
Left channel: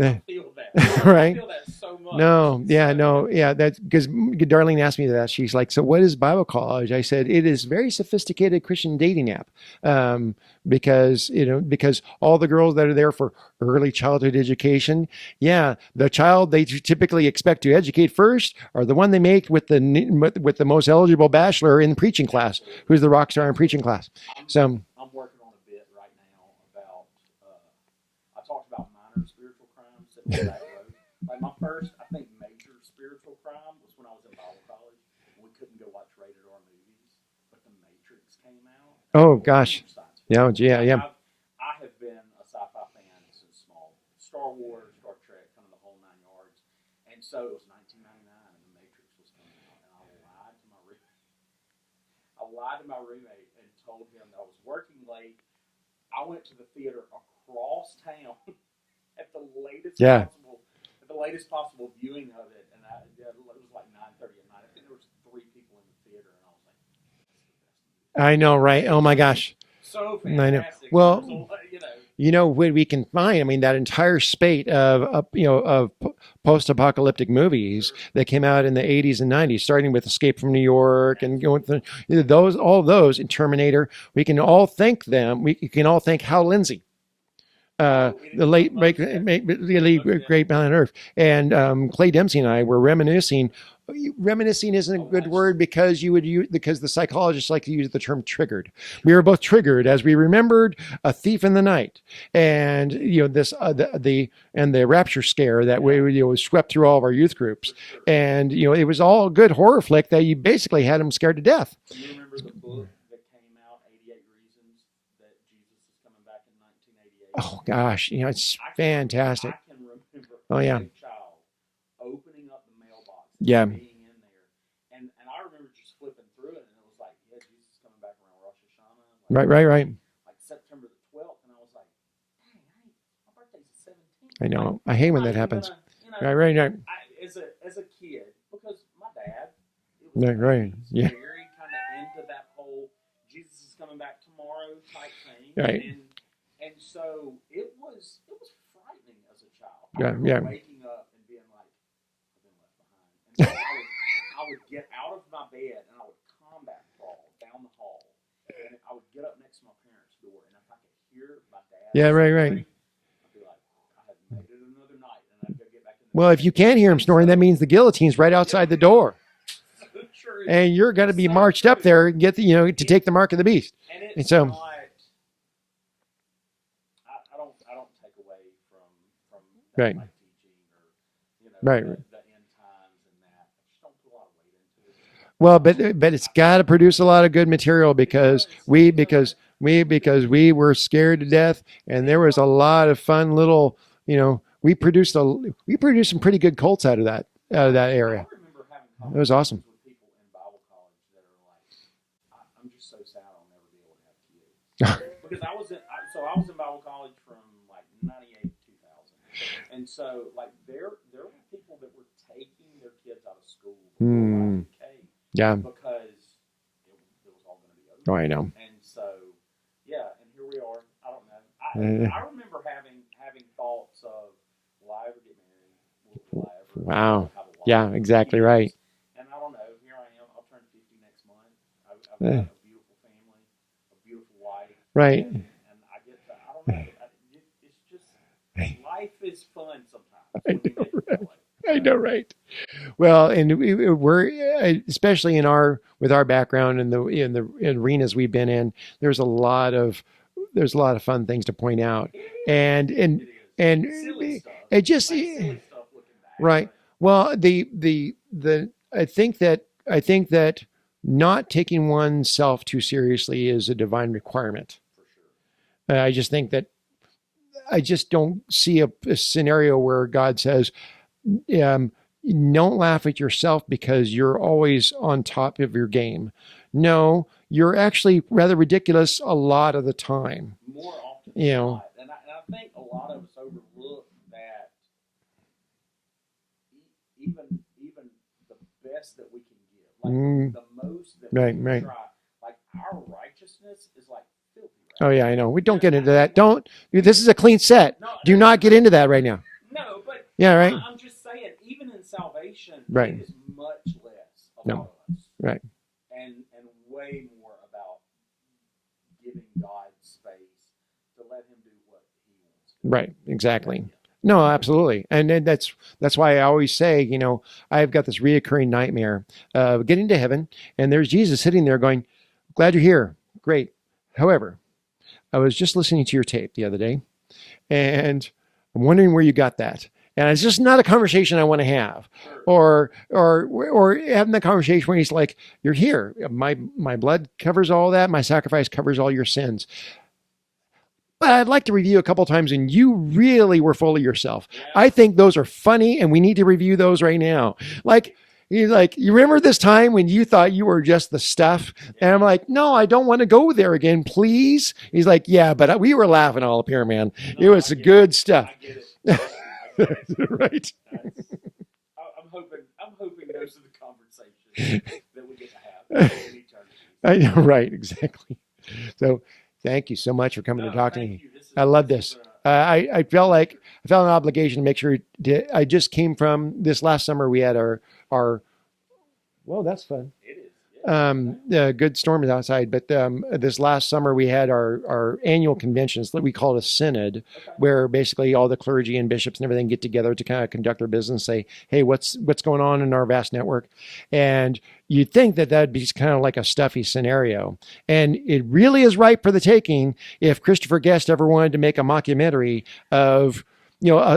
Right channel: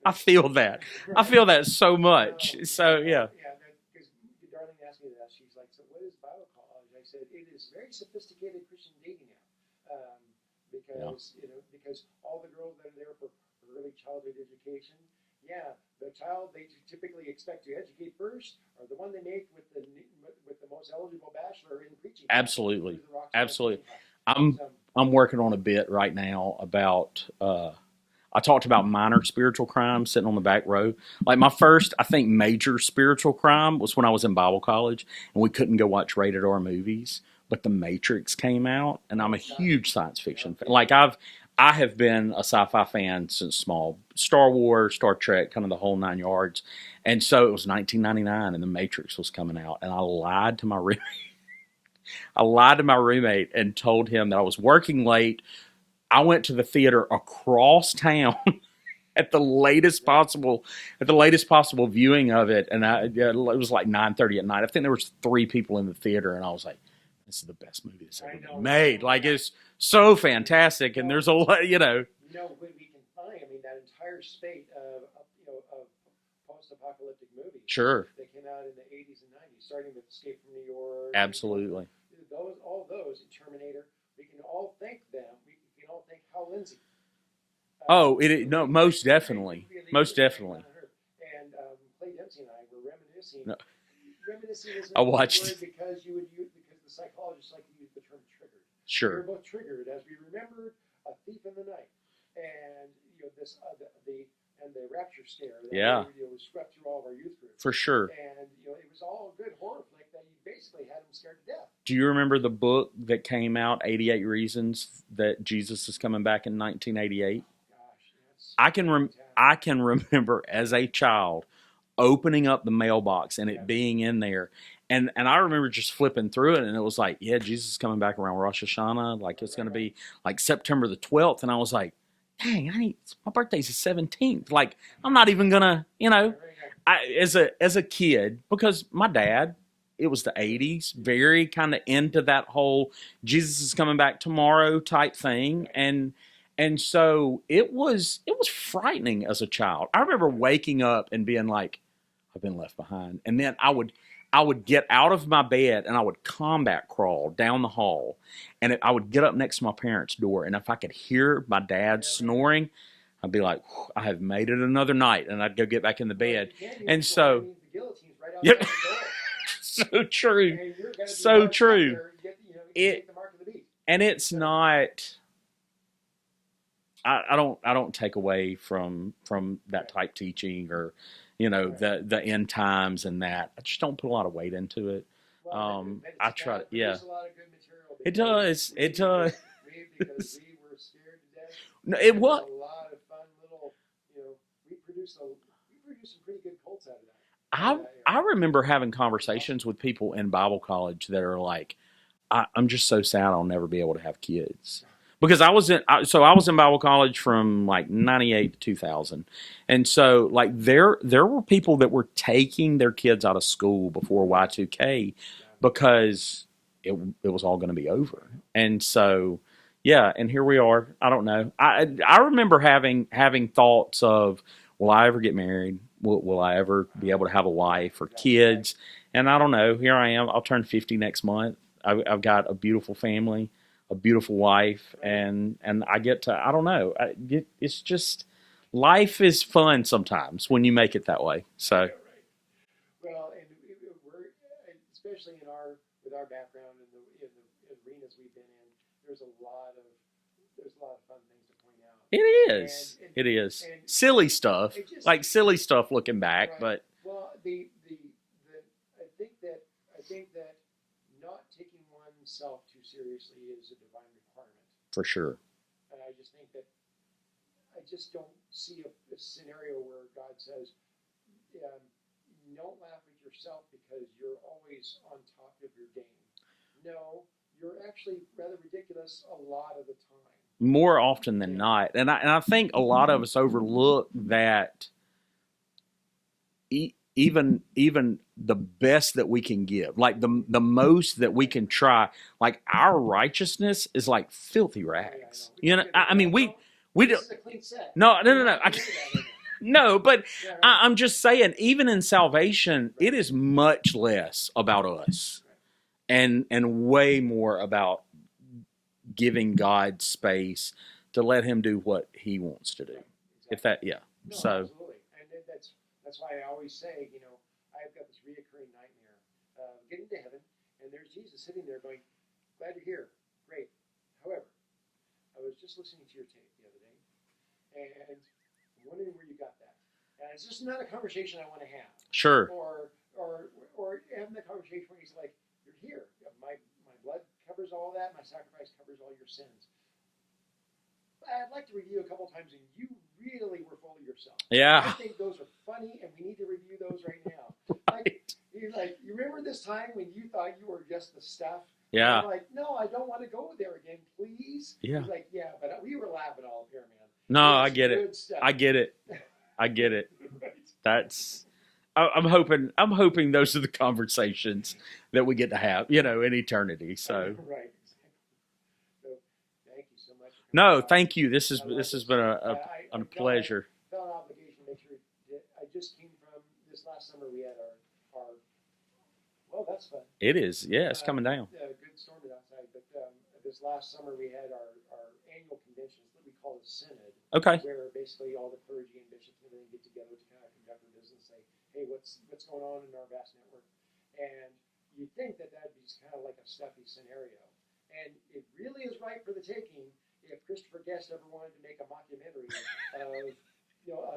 I feel that. Right? I feel that so much. That's because Darlene asked me that. She's like, "So what is Bible college?" I said, "It is very sophisticated Christian dating app, because all the girls that are there for early childhood education, the child they typically expect to educate first are the one they make with the most eligible bachelor in the preaching class, Absolutely. who's the rock star in preaching class." I'm working on a bit right now about. I talked about minor spiritual crimes sitting on the back row. Like my first, I think, major spiritual crime was when I was in Bible college and we couldn't go watch rated R movies, but The Matrix came out. And I'm a huge science fiction. I have been a sci-fi fan since small. Star Wars, Star Trek, kind of the whole 9 yards. And so it was 1999 and The Matrix was coming out. And I lied to my roommate. And told him that I was working late. I went to the theater across town at the latest possible viewing of it, and it was like 9:30 at night. I think there was 3 people in the theater, and I was like, "This is the best movie." I know, right? Oh my gosh, so fantastic! Well, and there's a lot, what we can find. I mean, that entire spate of post-apocalyptic movies that came out in the 80s and 90s, starting with Escape from New York. Absolutely. And going through all those in Terminator. We can all thank them. We can all thank Hal Lindsey. Most definitely. The late great man on earth. And Clay Dempsey and I were reminiscing. Reminiscing isn't a good word because the psychologists like to use the term triggered. Sure. We were both triggered as we remembered A Thief in the Night, and the Rapture scare that we swept through all of our youth groups. For sure. And it was all a good horror flick that you basically had them scared to death. Do you remember the book that came out, 88 Reasons that Jesus is coming back in 1988? Oh gosh, it's fantastic. I can remember as a child opening up the mailbox and it being in there. And I remember just flipping through it and it was like, Jesus is coming back around Rosh Hashanah. Right. Like September the 12th. And I was like, dang, my birthday's the 17th. Like, I'm not even gonna, as a kid, because my dad, it was the 80s, very kind of into that whole Jesus is coming back tomorrow type thing. Right. And so it was frightening as a child. I remember waking up and being like, I've been left behind. And then I would get out of my bed and I would combat crawl down the hall. And I would get up next to my parents' door. And if I could hear my dad snoring, I'd be like, I have made it another night. And I'd go get back in the bed. Well, if you can't hear him snoring, that means the guillotine's right outside the door. So true. And you're going to be marched up there and get to take the mark of the beast. And it's not... I don't take away from that type teaching or the end times and that. I just don't put a lot of weight into it. Well, but it's got to produce a lot of good material because we were scared to death, and there was a lot of fun little, we produced some pretty good cults out of that area. I remember having conversations with people in Bible college that are like, I'm just so sad I'll never be able to have kids. Because I was in Bible college from like 98 to 2000. And so like there were people that were taking their kids out of school before Y2K because it was all going to be over. Oh, I know. And so, yeah, and here we are. I don't know. I remember having thoughts of, will I ever get married? Will I ever be able to have a wife or kids? Right. And I don't know. Here I am. I'll turn 50 next month. I've got a beautiful family, a beautiful wife, and I get to, I don't know. It's just, life is fun sometimes when you make it that way. So. I know, right? Well, and we're especially with our background in the arenas we've been in. There's a lot of fun things to point out. It is, and it is, and silly stuff. It just like silly stuff looking back, right? But. Well, I think that not taking oneself too seriously is a divine requirement. For sure. I just think that I just don't see a scenario where God says, don't laugh at yourself because you're always on top of your game. No, you're actually rather ridiculous a lot of the time. More often than not. And I think a lot of us overlook that even the best that we can give, like the most that we can try, like our righteousness is like filthy rags. Oh yeah, I know. We don't get into that. This is a clean set. Do not get into that right now. No, but I'm just saying, even in salvation, it is much less about us, right? And way more about giving God space to let Him do what He wants to do. Right. Exactly. Yeah. No, absolutely. And then that's why I always say, I've got this reoccurring nightmare of getting to heaven and there's Jesus sitting there going, glad you're here. Great. However, I was just listening to your tape the other day and I'm wondering where you got that. And it's just not a conversation I want to have. Sure. Or having the conversation where he's like, you're here. My blood covers all that. My sacrifice covers all your sins. But I'd like to review a couple of times, and you really were full of yourself. Yeah. I think those are funny, and we need to review those right now. Like, you remember this time when you thought you were just the stuff? Yeah. And I'm like, no, I don't want to go there again, please. Yeah. He's like, yeah, but we were laughing all up here, man. No, it was good stuff. I get it. I get it. Right. I'm hoping those are the conversations that we get to have, in eternity. So. I know, right, exactly. So. Thank you so much for coming. No, thank you. I love this. I felt like I felt an obligation to make sure. I just came from this last summer. We had our. Well, that's fun. It is. Yeah, it's coming down. Yeah, good storm is outside. But this last summer we had our annual conventions. We call it a synod. Okay. Where basically all the clergy and bishops and everything get together to kind of conduct their business. Say, hey, what's going on in our vast network? And you'd think that that'd be kind of like a stuffy scenario. And it really is ripe for the taking if Christopher Guest ever wanted to make a mockumentary of,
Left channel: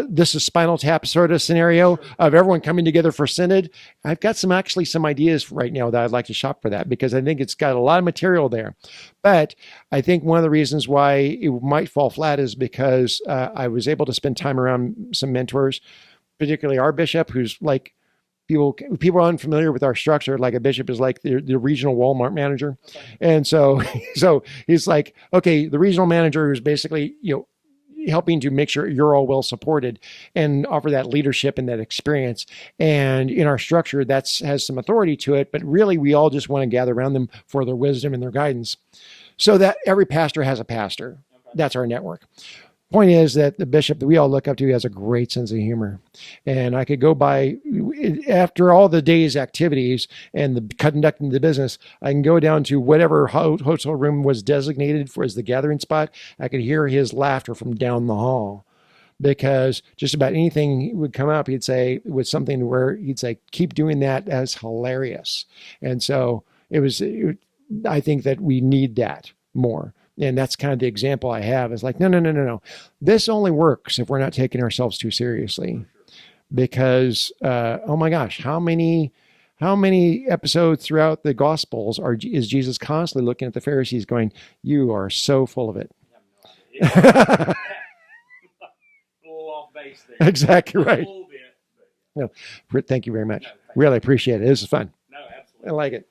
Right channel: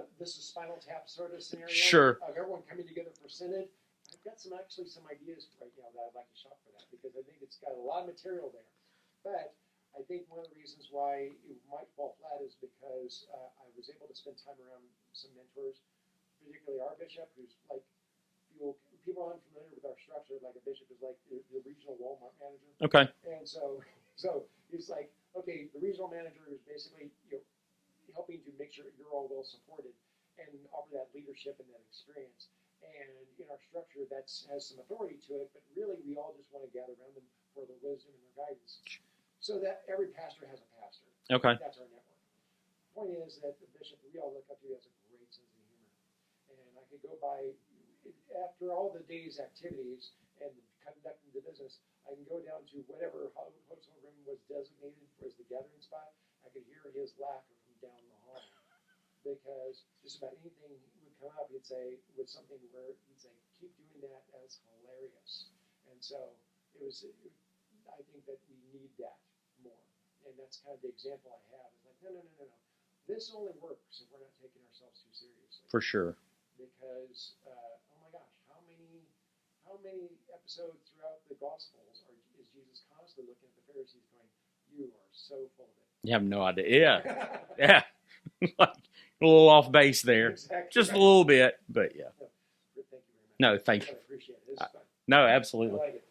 this is Spinal Tap sort of scenario of everyone coming together for synod. I've got some ideas right now that I'd like to shop for that because I think it's got a lot of material there. But I think one of the reasons why it might fall flat is because I was able to spend time around some mentors, particularly our bishop, who's like, people are unfamiliar with our structure. Like a bishop is like the regional Walmart manager. Okay. And so he's like, okay, the regional manager is basically, helping to make sure you're all well supported and offer that leadership and that experience. And in our structure, has some authority to it, but really we all just want to gather around them for their wisdom and their guidance. So that every pastor has a pastor. Okay. That's our network. Point is that the bishop that we all look up to has a great sense of humor. And I could go by, after all the day's activities and the conducting the business, I can go down to whatever hotel room was designated as the gathering spot. I could hear his laughter from down the hall. Because just about anything would come up, he'd say, with something where he'd say, keep doing that, as hilarious. And so I think that we need that more. And that's kind of the example I have is like, no. This only works if we're not taking ourselves too seriously. For sure. Because, oh my gosh, how many how many episodes throughout the Gospels is Jesus constantly looking at the Pharisees going, "You are so full of it." You have no idea. Yeah. Yeah. A little off base there. Exactly. Just right. a little bit, but yeah. No, thank you very much. No, thank you. Really appreciate it. This is fun. No, absolutely. I like it.